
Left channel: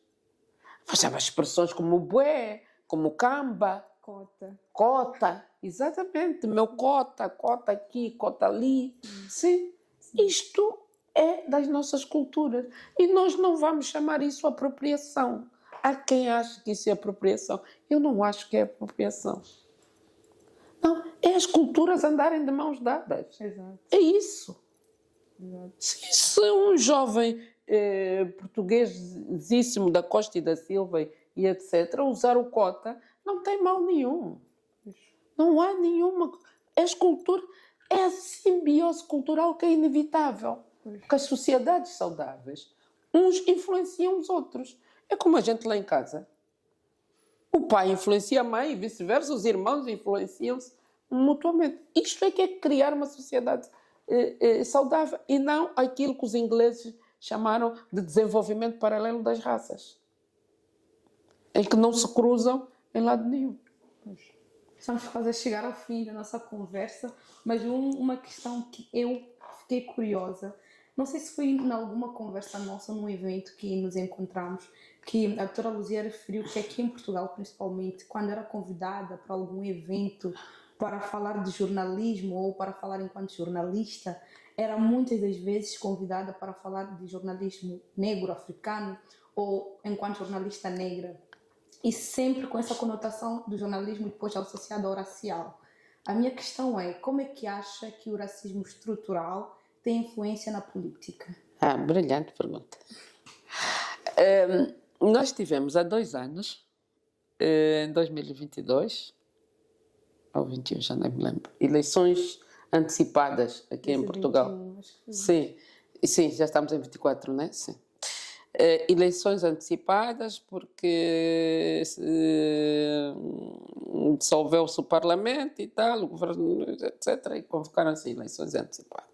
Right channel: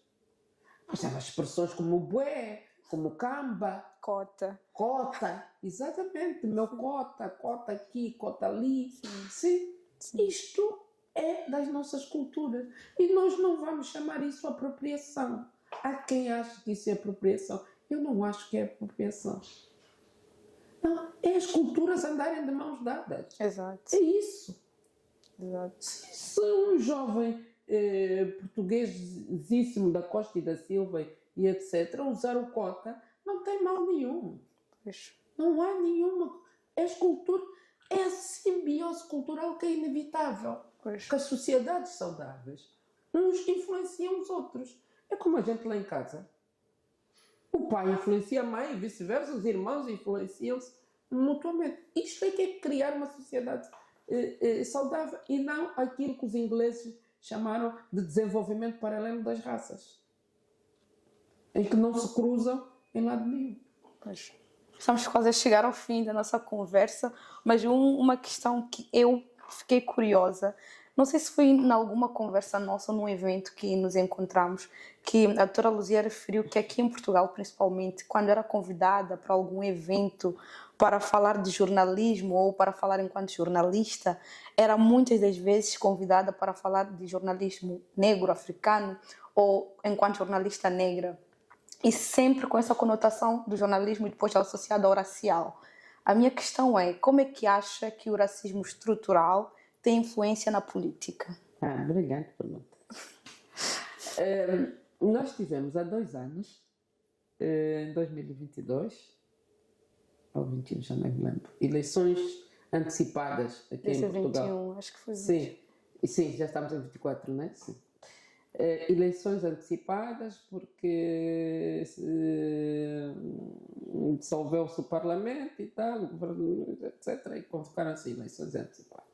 Mas há expressões como o bué, como o camba, cota, exatamente, meu cota aqui, cota ali. Sim. Isto é das nossas culturas. E nós não vamos chamar isso apropriação. Há quem ache que isso é apropriação. Eu não acho que é apropriação. Não, é as culturas andarem de mãos dadas. Exato. É isso. Exato. Se um jovem portuguesíssimo da Costa e da Silva e etc. usar o cota, não tem mal nenhum. Não há nenhuma. É a simbiose cultural que é inevitável. Porque as sociedades saudáveis, uns influenciam os outros. É como a gente lá em casa. O pai influencia a mãe e vice-versa, os irmãos influenciam-se mutuamente. Isto é que é criar uma sociedade saudável e não aquilo que os ingleses chamaram de desenvolvimento paralelo das raças, em que não se cruzam em lado nenhum. Pois. Estamos quase a chegar ao fim da nossa conversa, mas uma questão que eu fiquei curiosa, não sei se foi em alguma conversa nossa, num evento que nos encontramos, que a doutora Luzia referiu que aqui em Portugal, principalmente, quando era convidada para algum evento para falar de jornalismo ou para falar enquanto jornalista, era muitas das vezes convidada para falar de jornalismo negro, africano, ou enquanto jornalista negra. E sempre com essa conotação do jornalismo e depois associada ao racial. A minha questão é, como é que acha que o racismo estrutural tem influência na política? Brilhante pergunta. Nós tivemos há 2 anos, em 2022, ou 21, já nem me lembro, eleições antecipadas aqui em Portugal. 21, acho que foi. Sim, já estamos em 24, não é? Sim. Eleições antecipadas porque dissolveu-se o Parlamento e tal, o governo, etc. E convocaram-se eleições antecipadas.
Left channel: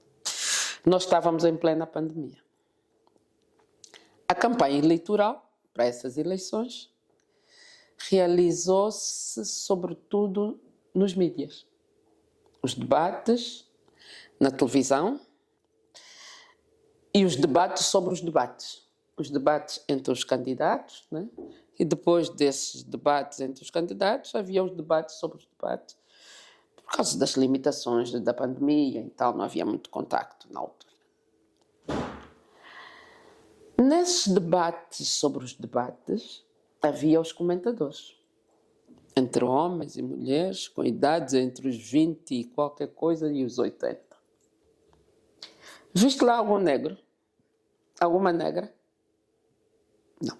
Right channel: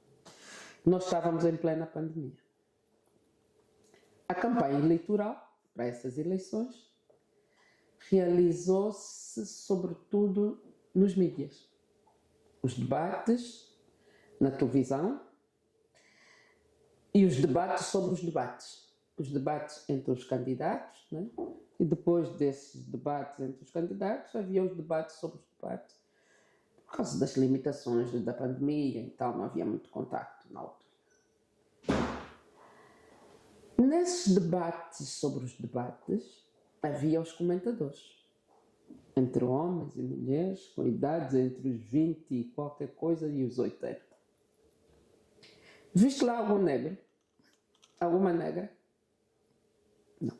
Nós estávamos em plena pandemia. A campanha eleitoral para essas eleições realizou-se sobretudo nos mídias. Os debates na televisão E os debates sobre os debates. Os debates entre os candidatos, né? E depois desses debates entre os candidatos, havia os debates sobre os debates. Por causa das limitações da pandemia e tal, não havia muito contacto na altura. Nesses debates sobre os debates, havia os comentadores. Entre homens e mulheres, com idades entre os 20 e qualquer coisa e os 80. Viste lá algum negro? Alguma negra? Não.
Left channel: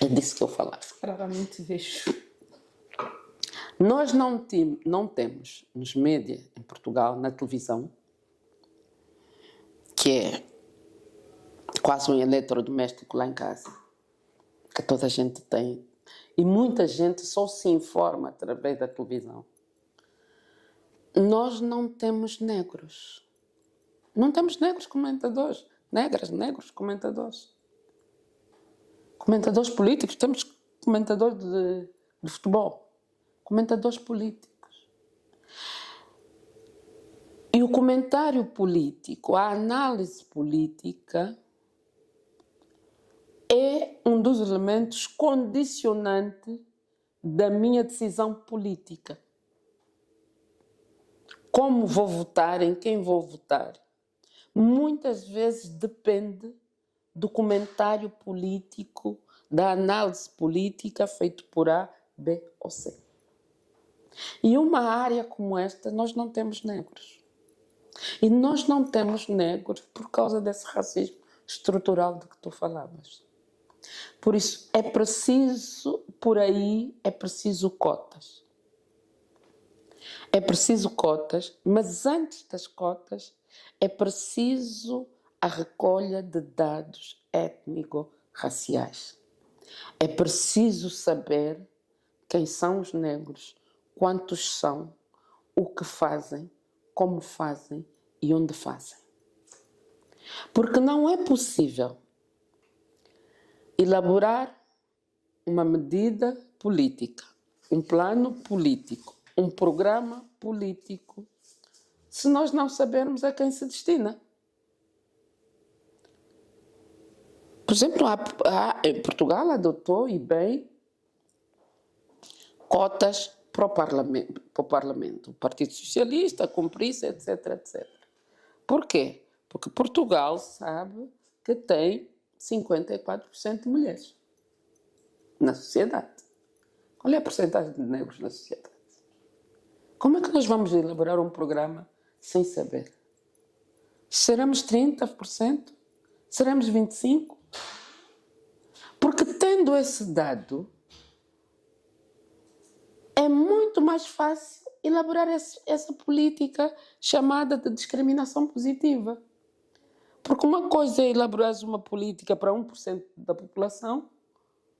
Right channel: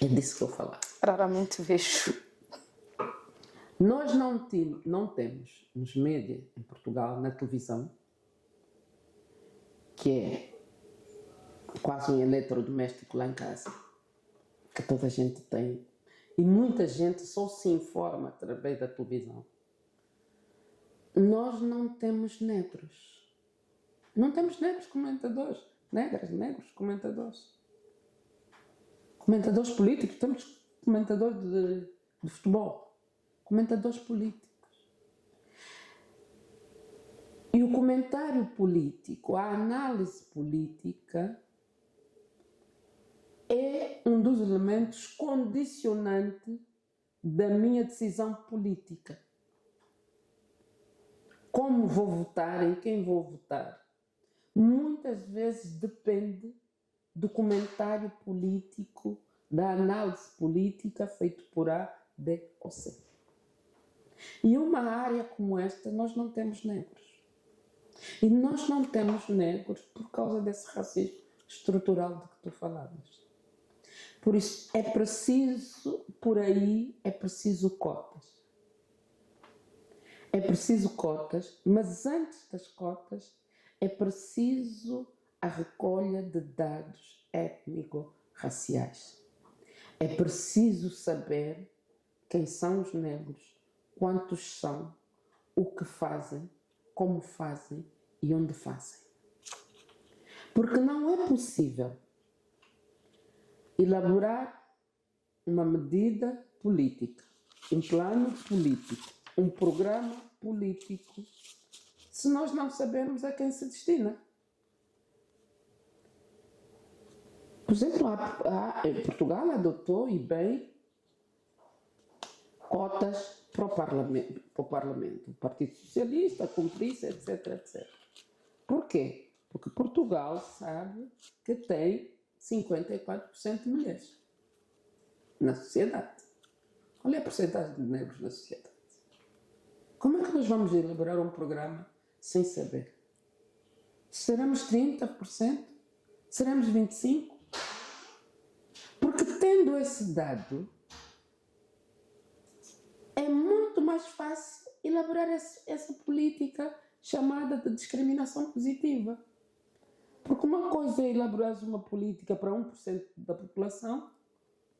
É disso que eu falava. Raramente vejo. Nós não temos nos médias em Portugal, na televisão, que é quase um eletrodoméstico lá em casa, que toda a gente tem. E muita gente só se informa através da televisão. Nós não temos negros. Não temos negros comentadores. Negros comentadores. Comentadores políticos. Temos comentadores de futebol. Comentadores políticos. E o comentário político, a análise política, é um dos elementos condicionantes da minha decisão política. Como vou votar, em quem vou votar, muitas vezes depende do comentário político, da análise política feito por A, B ou C. E uma área como esta, nós não temos negros. E nós não temos negros por causa desse racismo estrutural de que tu falavas. Por isso, é preciso, por aí, é preciso cotas. É preciso cotas, mas antes das cotas, é preciso a recolha de dados étnico-raciais. É preciso saber quem são os negros, quantos são, o que fazem, como fazem e onde fazem. Porque não é possível elaborar uma medida política, um plano político, um programa político, se nós não sabermos a quem se destina. Por exemplo, Portugal adotou, e bem, cotas para o Parlamento. O Partido Socialista cumprisse, etc, etc. Por quê? Porque Portugal sabe que tem 54% de mulheres na sociedade. Qual é a porcentagem de negros na sociedade? Como é que nós vamos elaborar um programa sem saber? Seremos 30%? Seremos 25%? Porque tendo esse dado, é muito mais fácil elaborar essa política chamada de discriminação positiva. Porque uma coisa é elaborar uma política para 1% da população,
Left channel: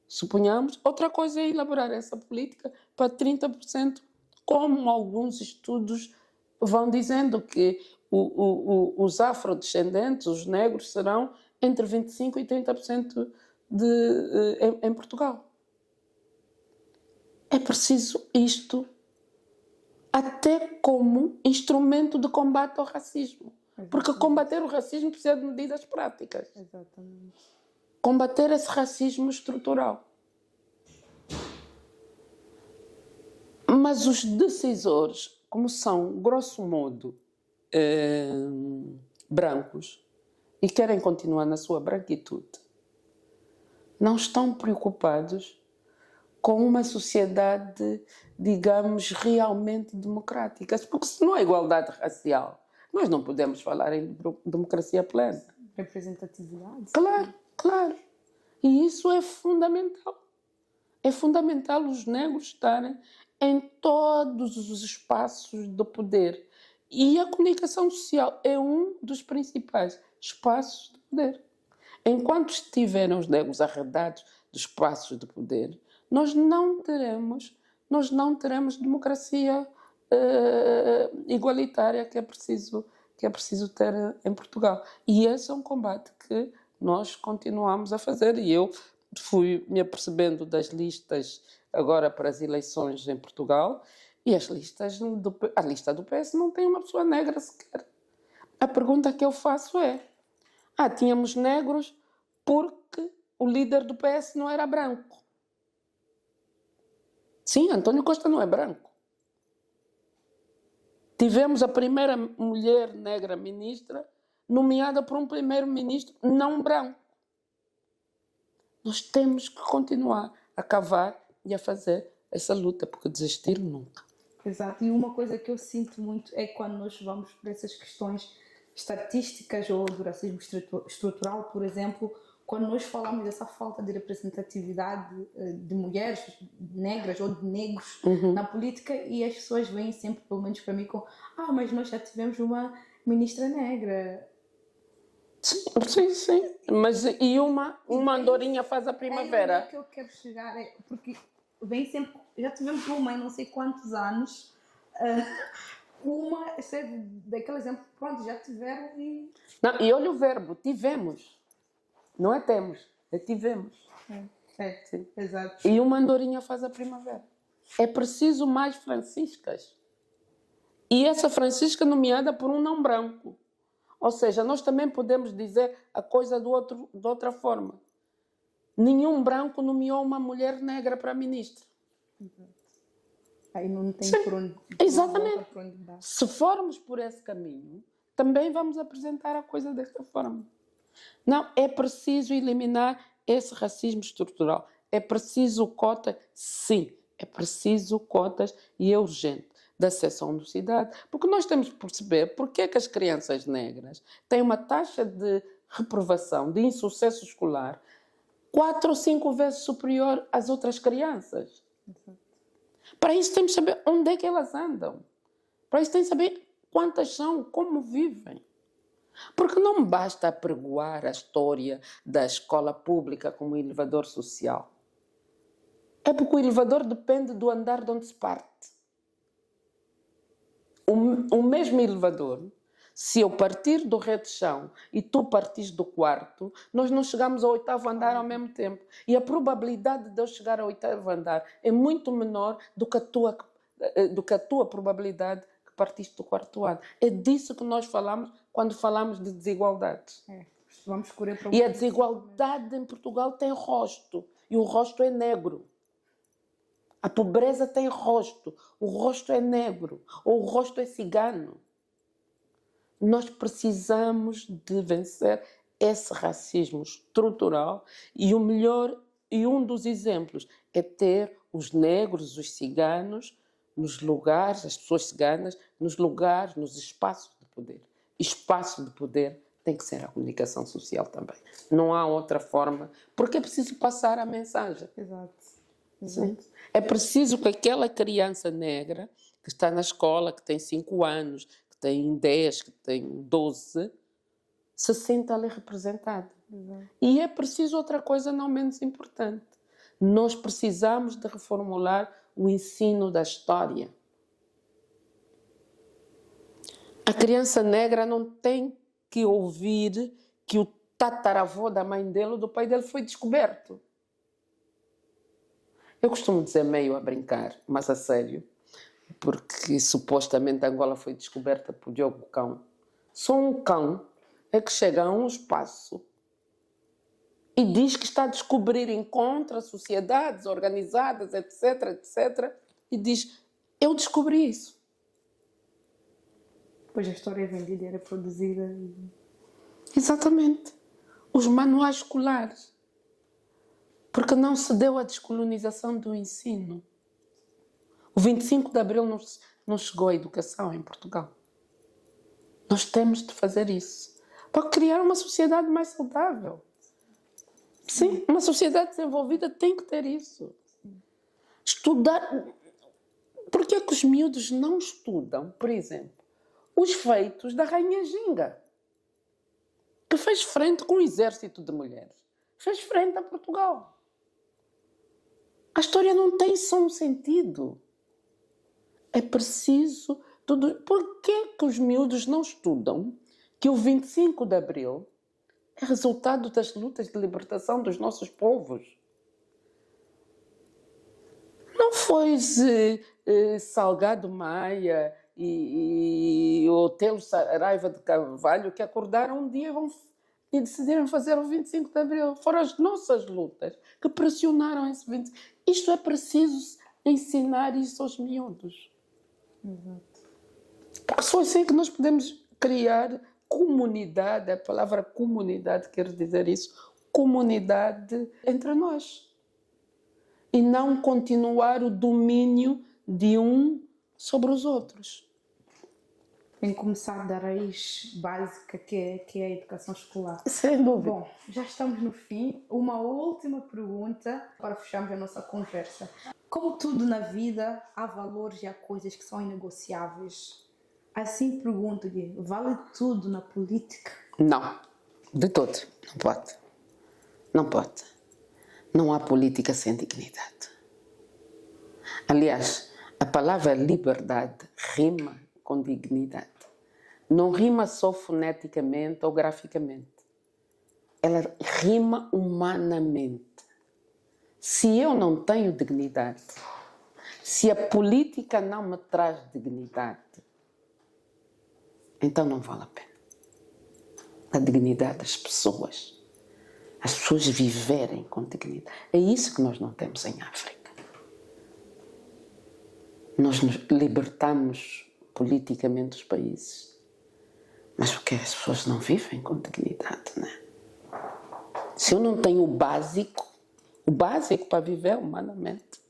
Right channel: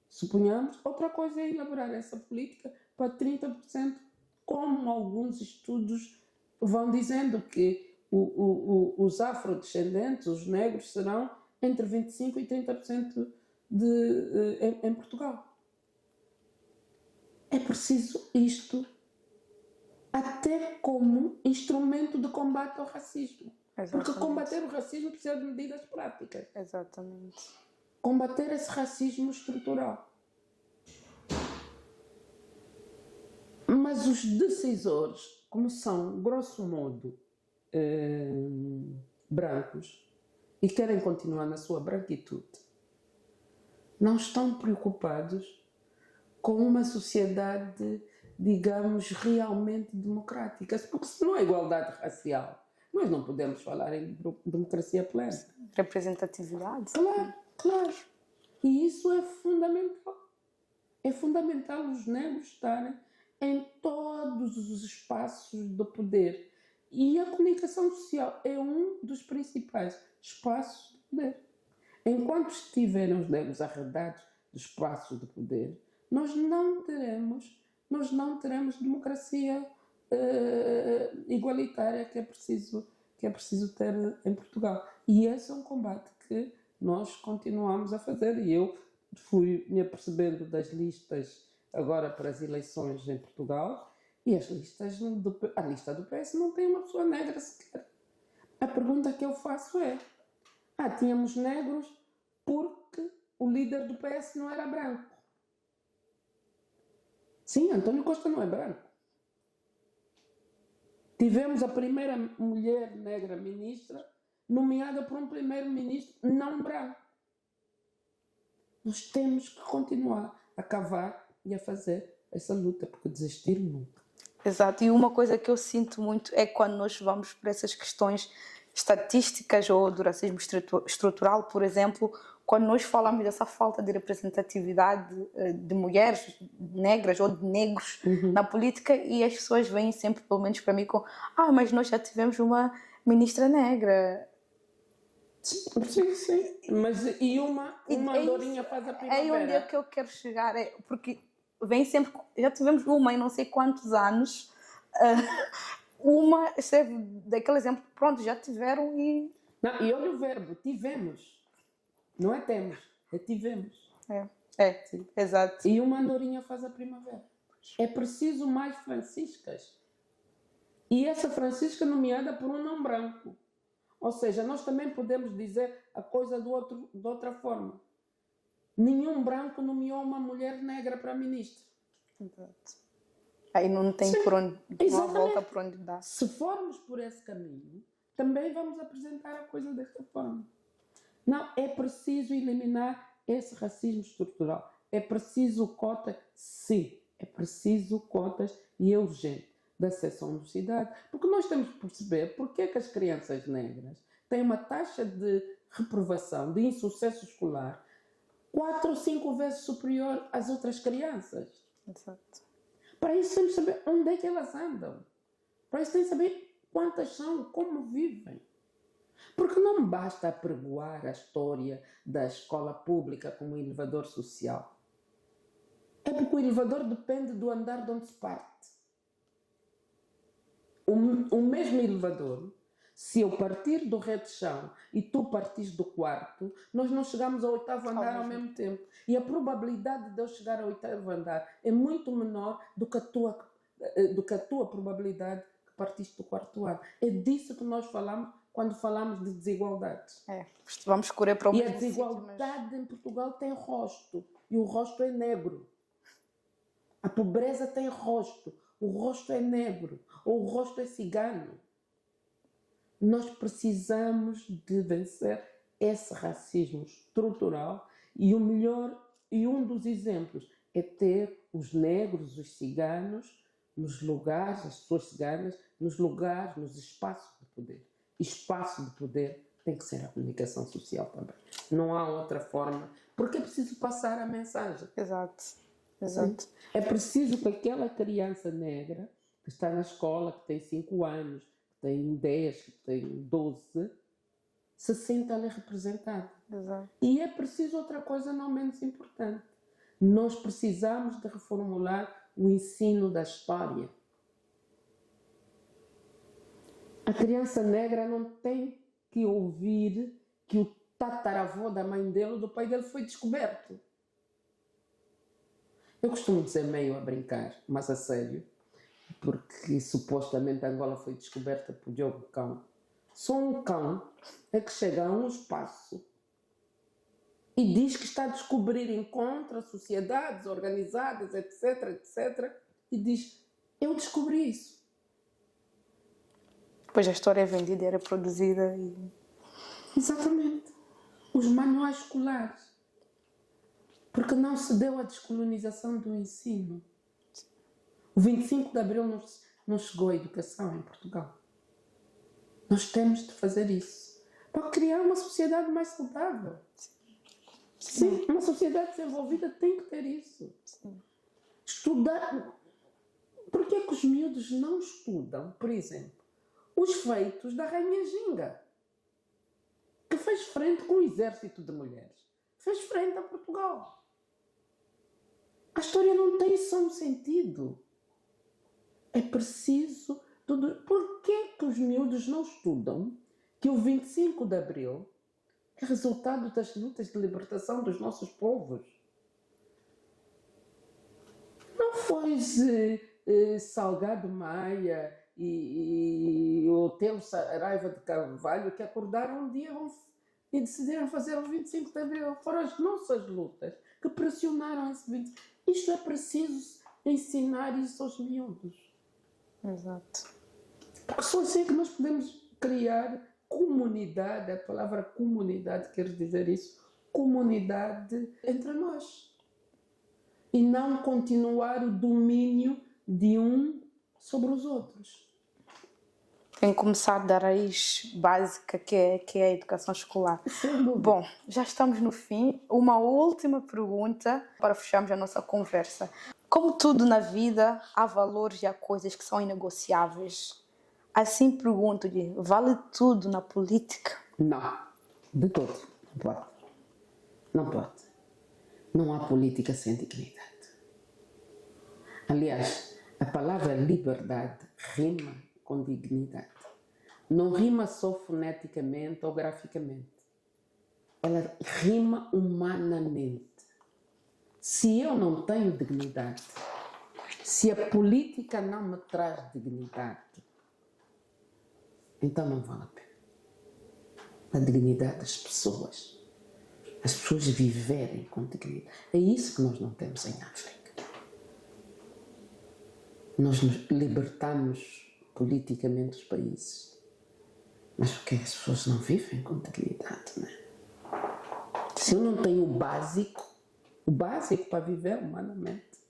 suponhamos, outra coisa é elaborar essa política para 30%, como alguns estudos vão dizendo que os afrodescendentes, os negros, serão entre 25% e 30% em Portugal. É preciso isto até como instrumento de combate ao racismo. Exatamente. Porque combater o racismo precisa de medidas práticas. Exatamente. Combater esse racismo estrutural. Mas os decisores, como são, grosso modo, brancos, e querem continuar na sua branquitude, não estão preocupados com uma sociedade, digamos, realmente democrática. Porque se não há igualdade racial, nós não podemos falar em democracia plena. Representatividade. Claro. E isso é fundamental. É fundamental os negros estarem em todos os espaços do poder. E a comunicação social é um dos principais espaços de poder. Enquanto estiverem os negros arredados dos espaços de poder, nós não teremos democracia igualitária que é preciso ter em Portugal. E esse é um combate que nós continuamos a fazer. E eu fui me apercebendo das listas agora para as eleições em Portugal, e a lista do PS não tem uma pessoa negra sequer. A pergunta que eu faço é: Tínhamos negros porque o líder do PS não era branco. Sim, António Costa não é branco. Tivemos a primeira mulher negra ministra nomeada por um primeiro-ministro não branco. Nós temos que continuar a cavar e a fazer essa luta, porque desistir nunca. Exato, e uma coisa que eu sinto muito é quando nós vamos para essas questões estatísticas ou do racismo estrutural, por exemplo, quando nós falamos dessa falta de representatividade de mulheres negras ou de negros na política, e as pessoas vêm sempre, pelo menos para mim, com mas nós já tivemos uma ministra negra. Sim. Mas e uma andorinha faz a primavera? É onde é que eu quero chegar, porque vem sempre, já tivemos uma em não sei quantos anos, uma serve daquele exemplo, pronto, já tiveram e... Não, e olha o verbo, tivemos. Não é temos, é tivemos. Sim, exato. E uma andorinha faz a primavera. É preciso mais Franciscas. E essa Francisca nomeada por um não branco. Ou seja, nós também podemos dizer a coisa de outra forma. Nenhum branco nomeou uma mulher negra para ministra. Exato. Aí não tem por onde, volta por onde dar. Se formos por esse caminho, também vamos apresentar a coisa desta forma. Não, é preciso eliminar esse racismo estrutural. É preciso cotas, sim, é preciso cotas e é urgente da seção de cidade. Porque nós temos que perceber porque é que as crianças negras têm uma taxa de reprovação, de insucesso escolar, 4 ou 5 vezes superior às outras crianças. Exato. Para isso temos que saber onde é que elas andam. Para isso temos que saber quantas são, como vivem. Porque não basta apregoar a história da escola pública como um elevador social. É porque o elevador depende do andar de onde se parte. O mesmo elevador, se eu partir do reto-chão e tu partires do quarto, nós não chegamos ao 8º andar ao mesmo tempo. E a probabilidade de eu chegar ao 8º andar é muito menor do que a tua probabilidade que partiste do 4º ano. É disso que nós falamos quando falamos de desigualdades. Vamos correr para o E a desigualdade em Portugal tem rosto. E o rosto é negro. A pobreza tem rosto. O rosto é negro. Ou o rosto é cigano. Nós precisamos de vencer esse racismo estrutural e o melhor, e um dos exemplos é ter os negros, os ciganos, nos lugares, as pessoas ciganas, nos lugares, nos espaços de poder. Espaço de poder tem que ser a comunicação social também. Não há outra forma, porque é preciso passar a mensagem. Exato. É preciso que aquela criança negra que está na escola, que tem 5 anos, que tem 10, que tem 12, se sinta ali representada. Exato. E é preciso outra coisa não menos importante. Nós precisamos de reformular o ensino da história. A criança negra não tem que ouvir que o tataravô da mãe dele ou do pai dele foi descoberto. Eu costumo dizer meio a brincar, mas a sério, porque supostamente Angola foi descoberta por Diogo Cão. Só um cão é que chega a um espaço e diz que está a descobrir, encontra sociedades organizadas, etc, e diz, eu descobri isso. Depois a história é vendida, era produzida. Exatamente. Os manuais escolares. Porque não se deu a descolonização do ensino. O 25 de Abril não chegou à educação em Portugal. Nós temos de fazer isso para criar uma sociedade mais saudável. Sim, uma sociedade desenvolvida tem que ter isso. Estudar. Por que é que os miúdos não estudam, por exemplo, os feitos da Rainha Ginga, que fez frente com um exército de mulheres? Fez frente a Portugal. A história não tem só um sentido. É preciso tudo. Por que que os miúdos não estudam que o 25 de Abril é resultado das lutas de libertação dos nossos povos? Não foi Salgado Maia e Otelo Saraiva de Carvalho que acordaram um dia e decidiram fazer o 25 de Abril. Foram as nossas lutas que pressionaram esse 25. Isto é preciso ensinar isso aos miúdos. Exato. Só assim que nós podemos criar comunidade. A palavra comunidade quer dizer isso. Comunidade entre nós. E não continuar o domínio de um sobre os outros. Tem que começar da raiz básica que é a educação escolar. Sem dúvida. Bom, já estamos no fim. Uma última pergunta para fecharmos a nossa conversa. Como tudo na vida, há valores e há coisas que são inegociáveis. Assim pergunto-lhe, vale tudo na política? Não, de todo. Não pode. Não pode. Não há política sem dignidade. Aliás, a palavra liberdade rima com dignidade. Não rima só foneticamente ou graficamente. Ela rima humanamente. Se eu não tenho dignidade, se a política não me traz dignidade, então não vale a pena. A dignidade das pessoas. As pessoas viverem com dignidade. É isso que nós não temos em África. Nós nos libertamos politicamente os países, mas porque as pessoas não vivem com dignidade, não é? Se eu não tenho o básico para viver humanamente,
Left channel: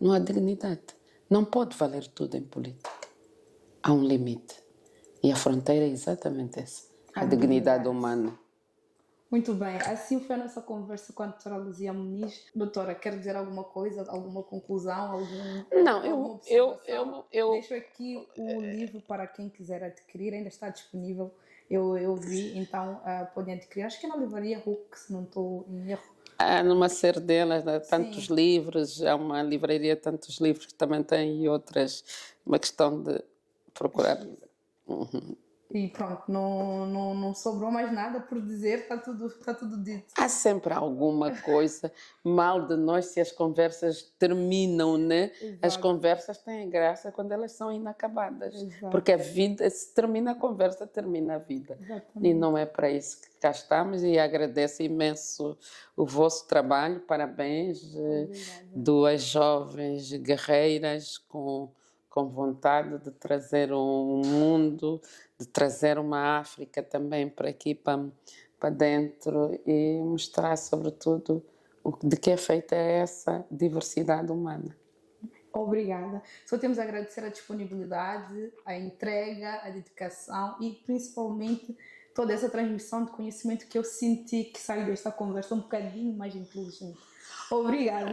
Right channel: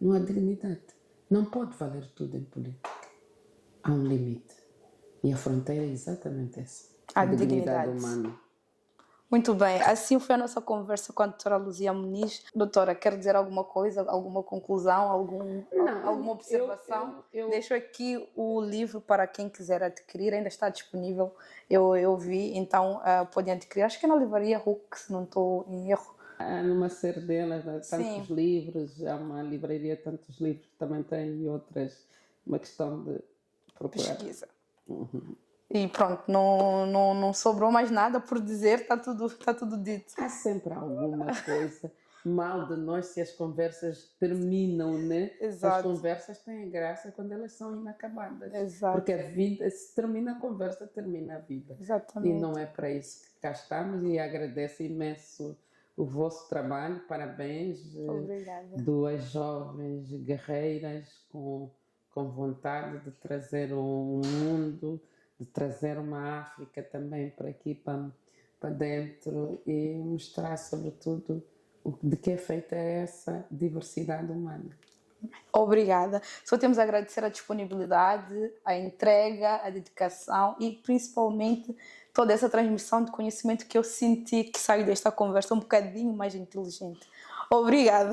não há dignidade. Não pode valer tudo em política. Há um limite. E a fronteira é exatamente essa. A dignidade humana. Muito bem, assim foi a nossa conversa com a doutora Luzia Muniz. Doutora, quer dizer alguma coisa, alguma conclusão, alguma observação? Deixo aqui o livro para quem quiser adquirir, ainda está disponível, eu vi, então podem adquirir. Acho que é na livraria Hulk, se não estou em erro. Numa série delas, tantos livros, há uma livraria, tantos livros que também tem e outras, uma questão de procurar. Pesquisa. E pronto, não sobrou mais nada por dizer, está tudo dito. Há sempre alguma coisa mal de nós se as conversas terminam, né? Exato. As conversas têm graça quando elas são inacabadas. Exato. Porque a vida, se termina a conversa, termina a vida. Exatamente. E não é para isso que cá estamos, e agradeço imenso o vosso trabalho, parabéns. Obrigada. Duas jovens guerreiras com vontade de trazer um mundo, de trazer uma África também para aqui, para dentro, e mostrar, sobretudo, de que é feita essa diversidade humana. Obrigada. Só temos a agradecer a disponibilidade, a entrega, a dedicação e, principalmente, toda essa transmissão de conhecimento que eu senti que saiu desta conversa um bocadinho mais inteligente. Obrigada.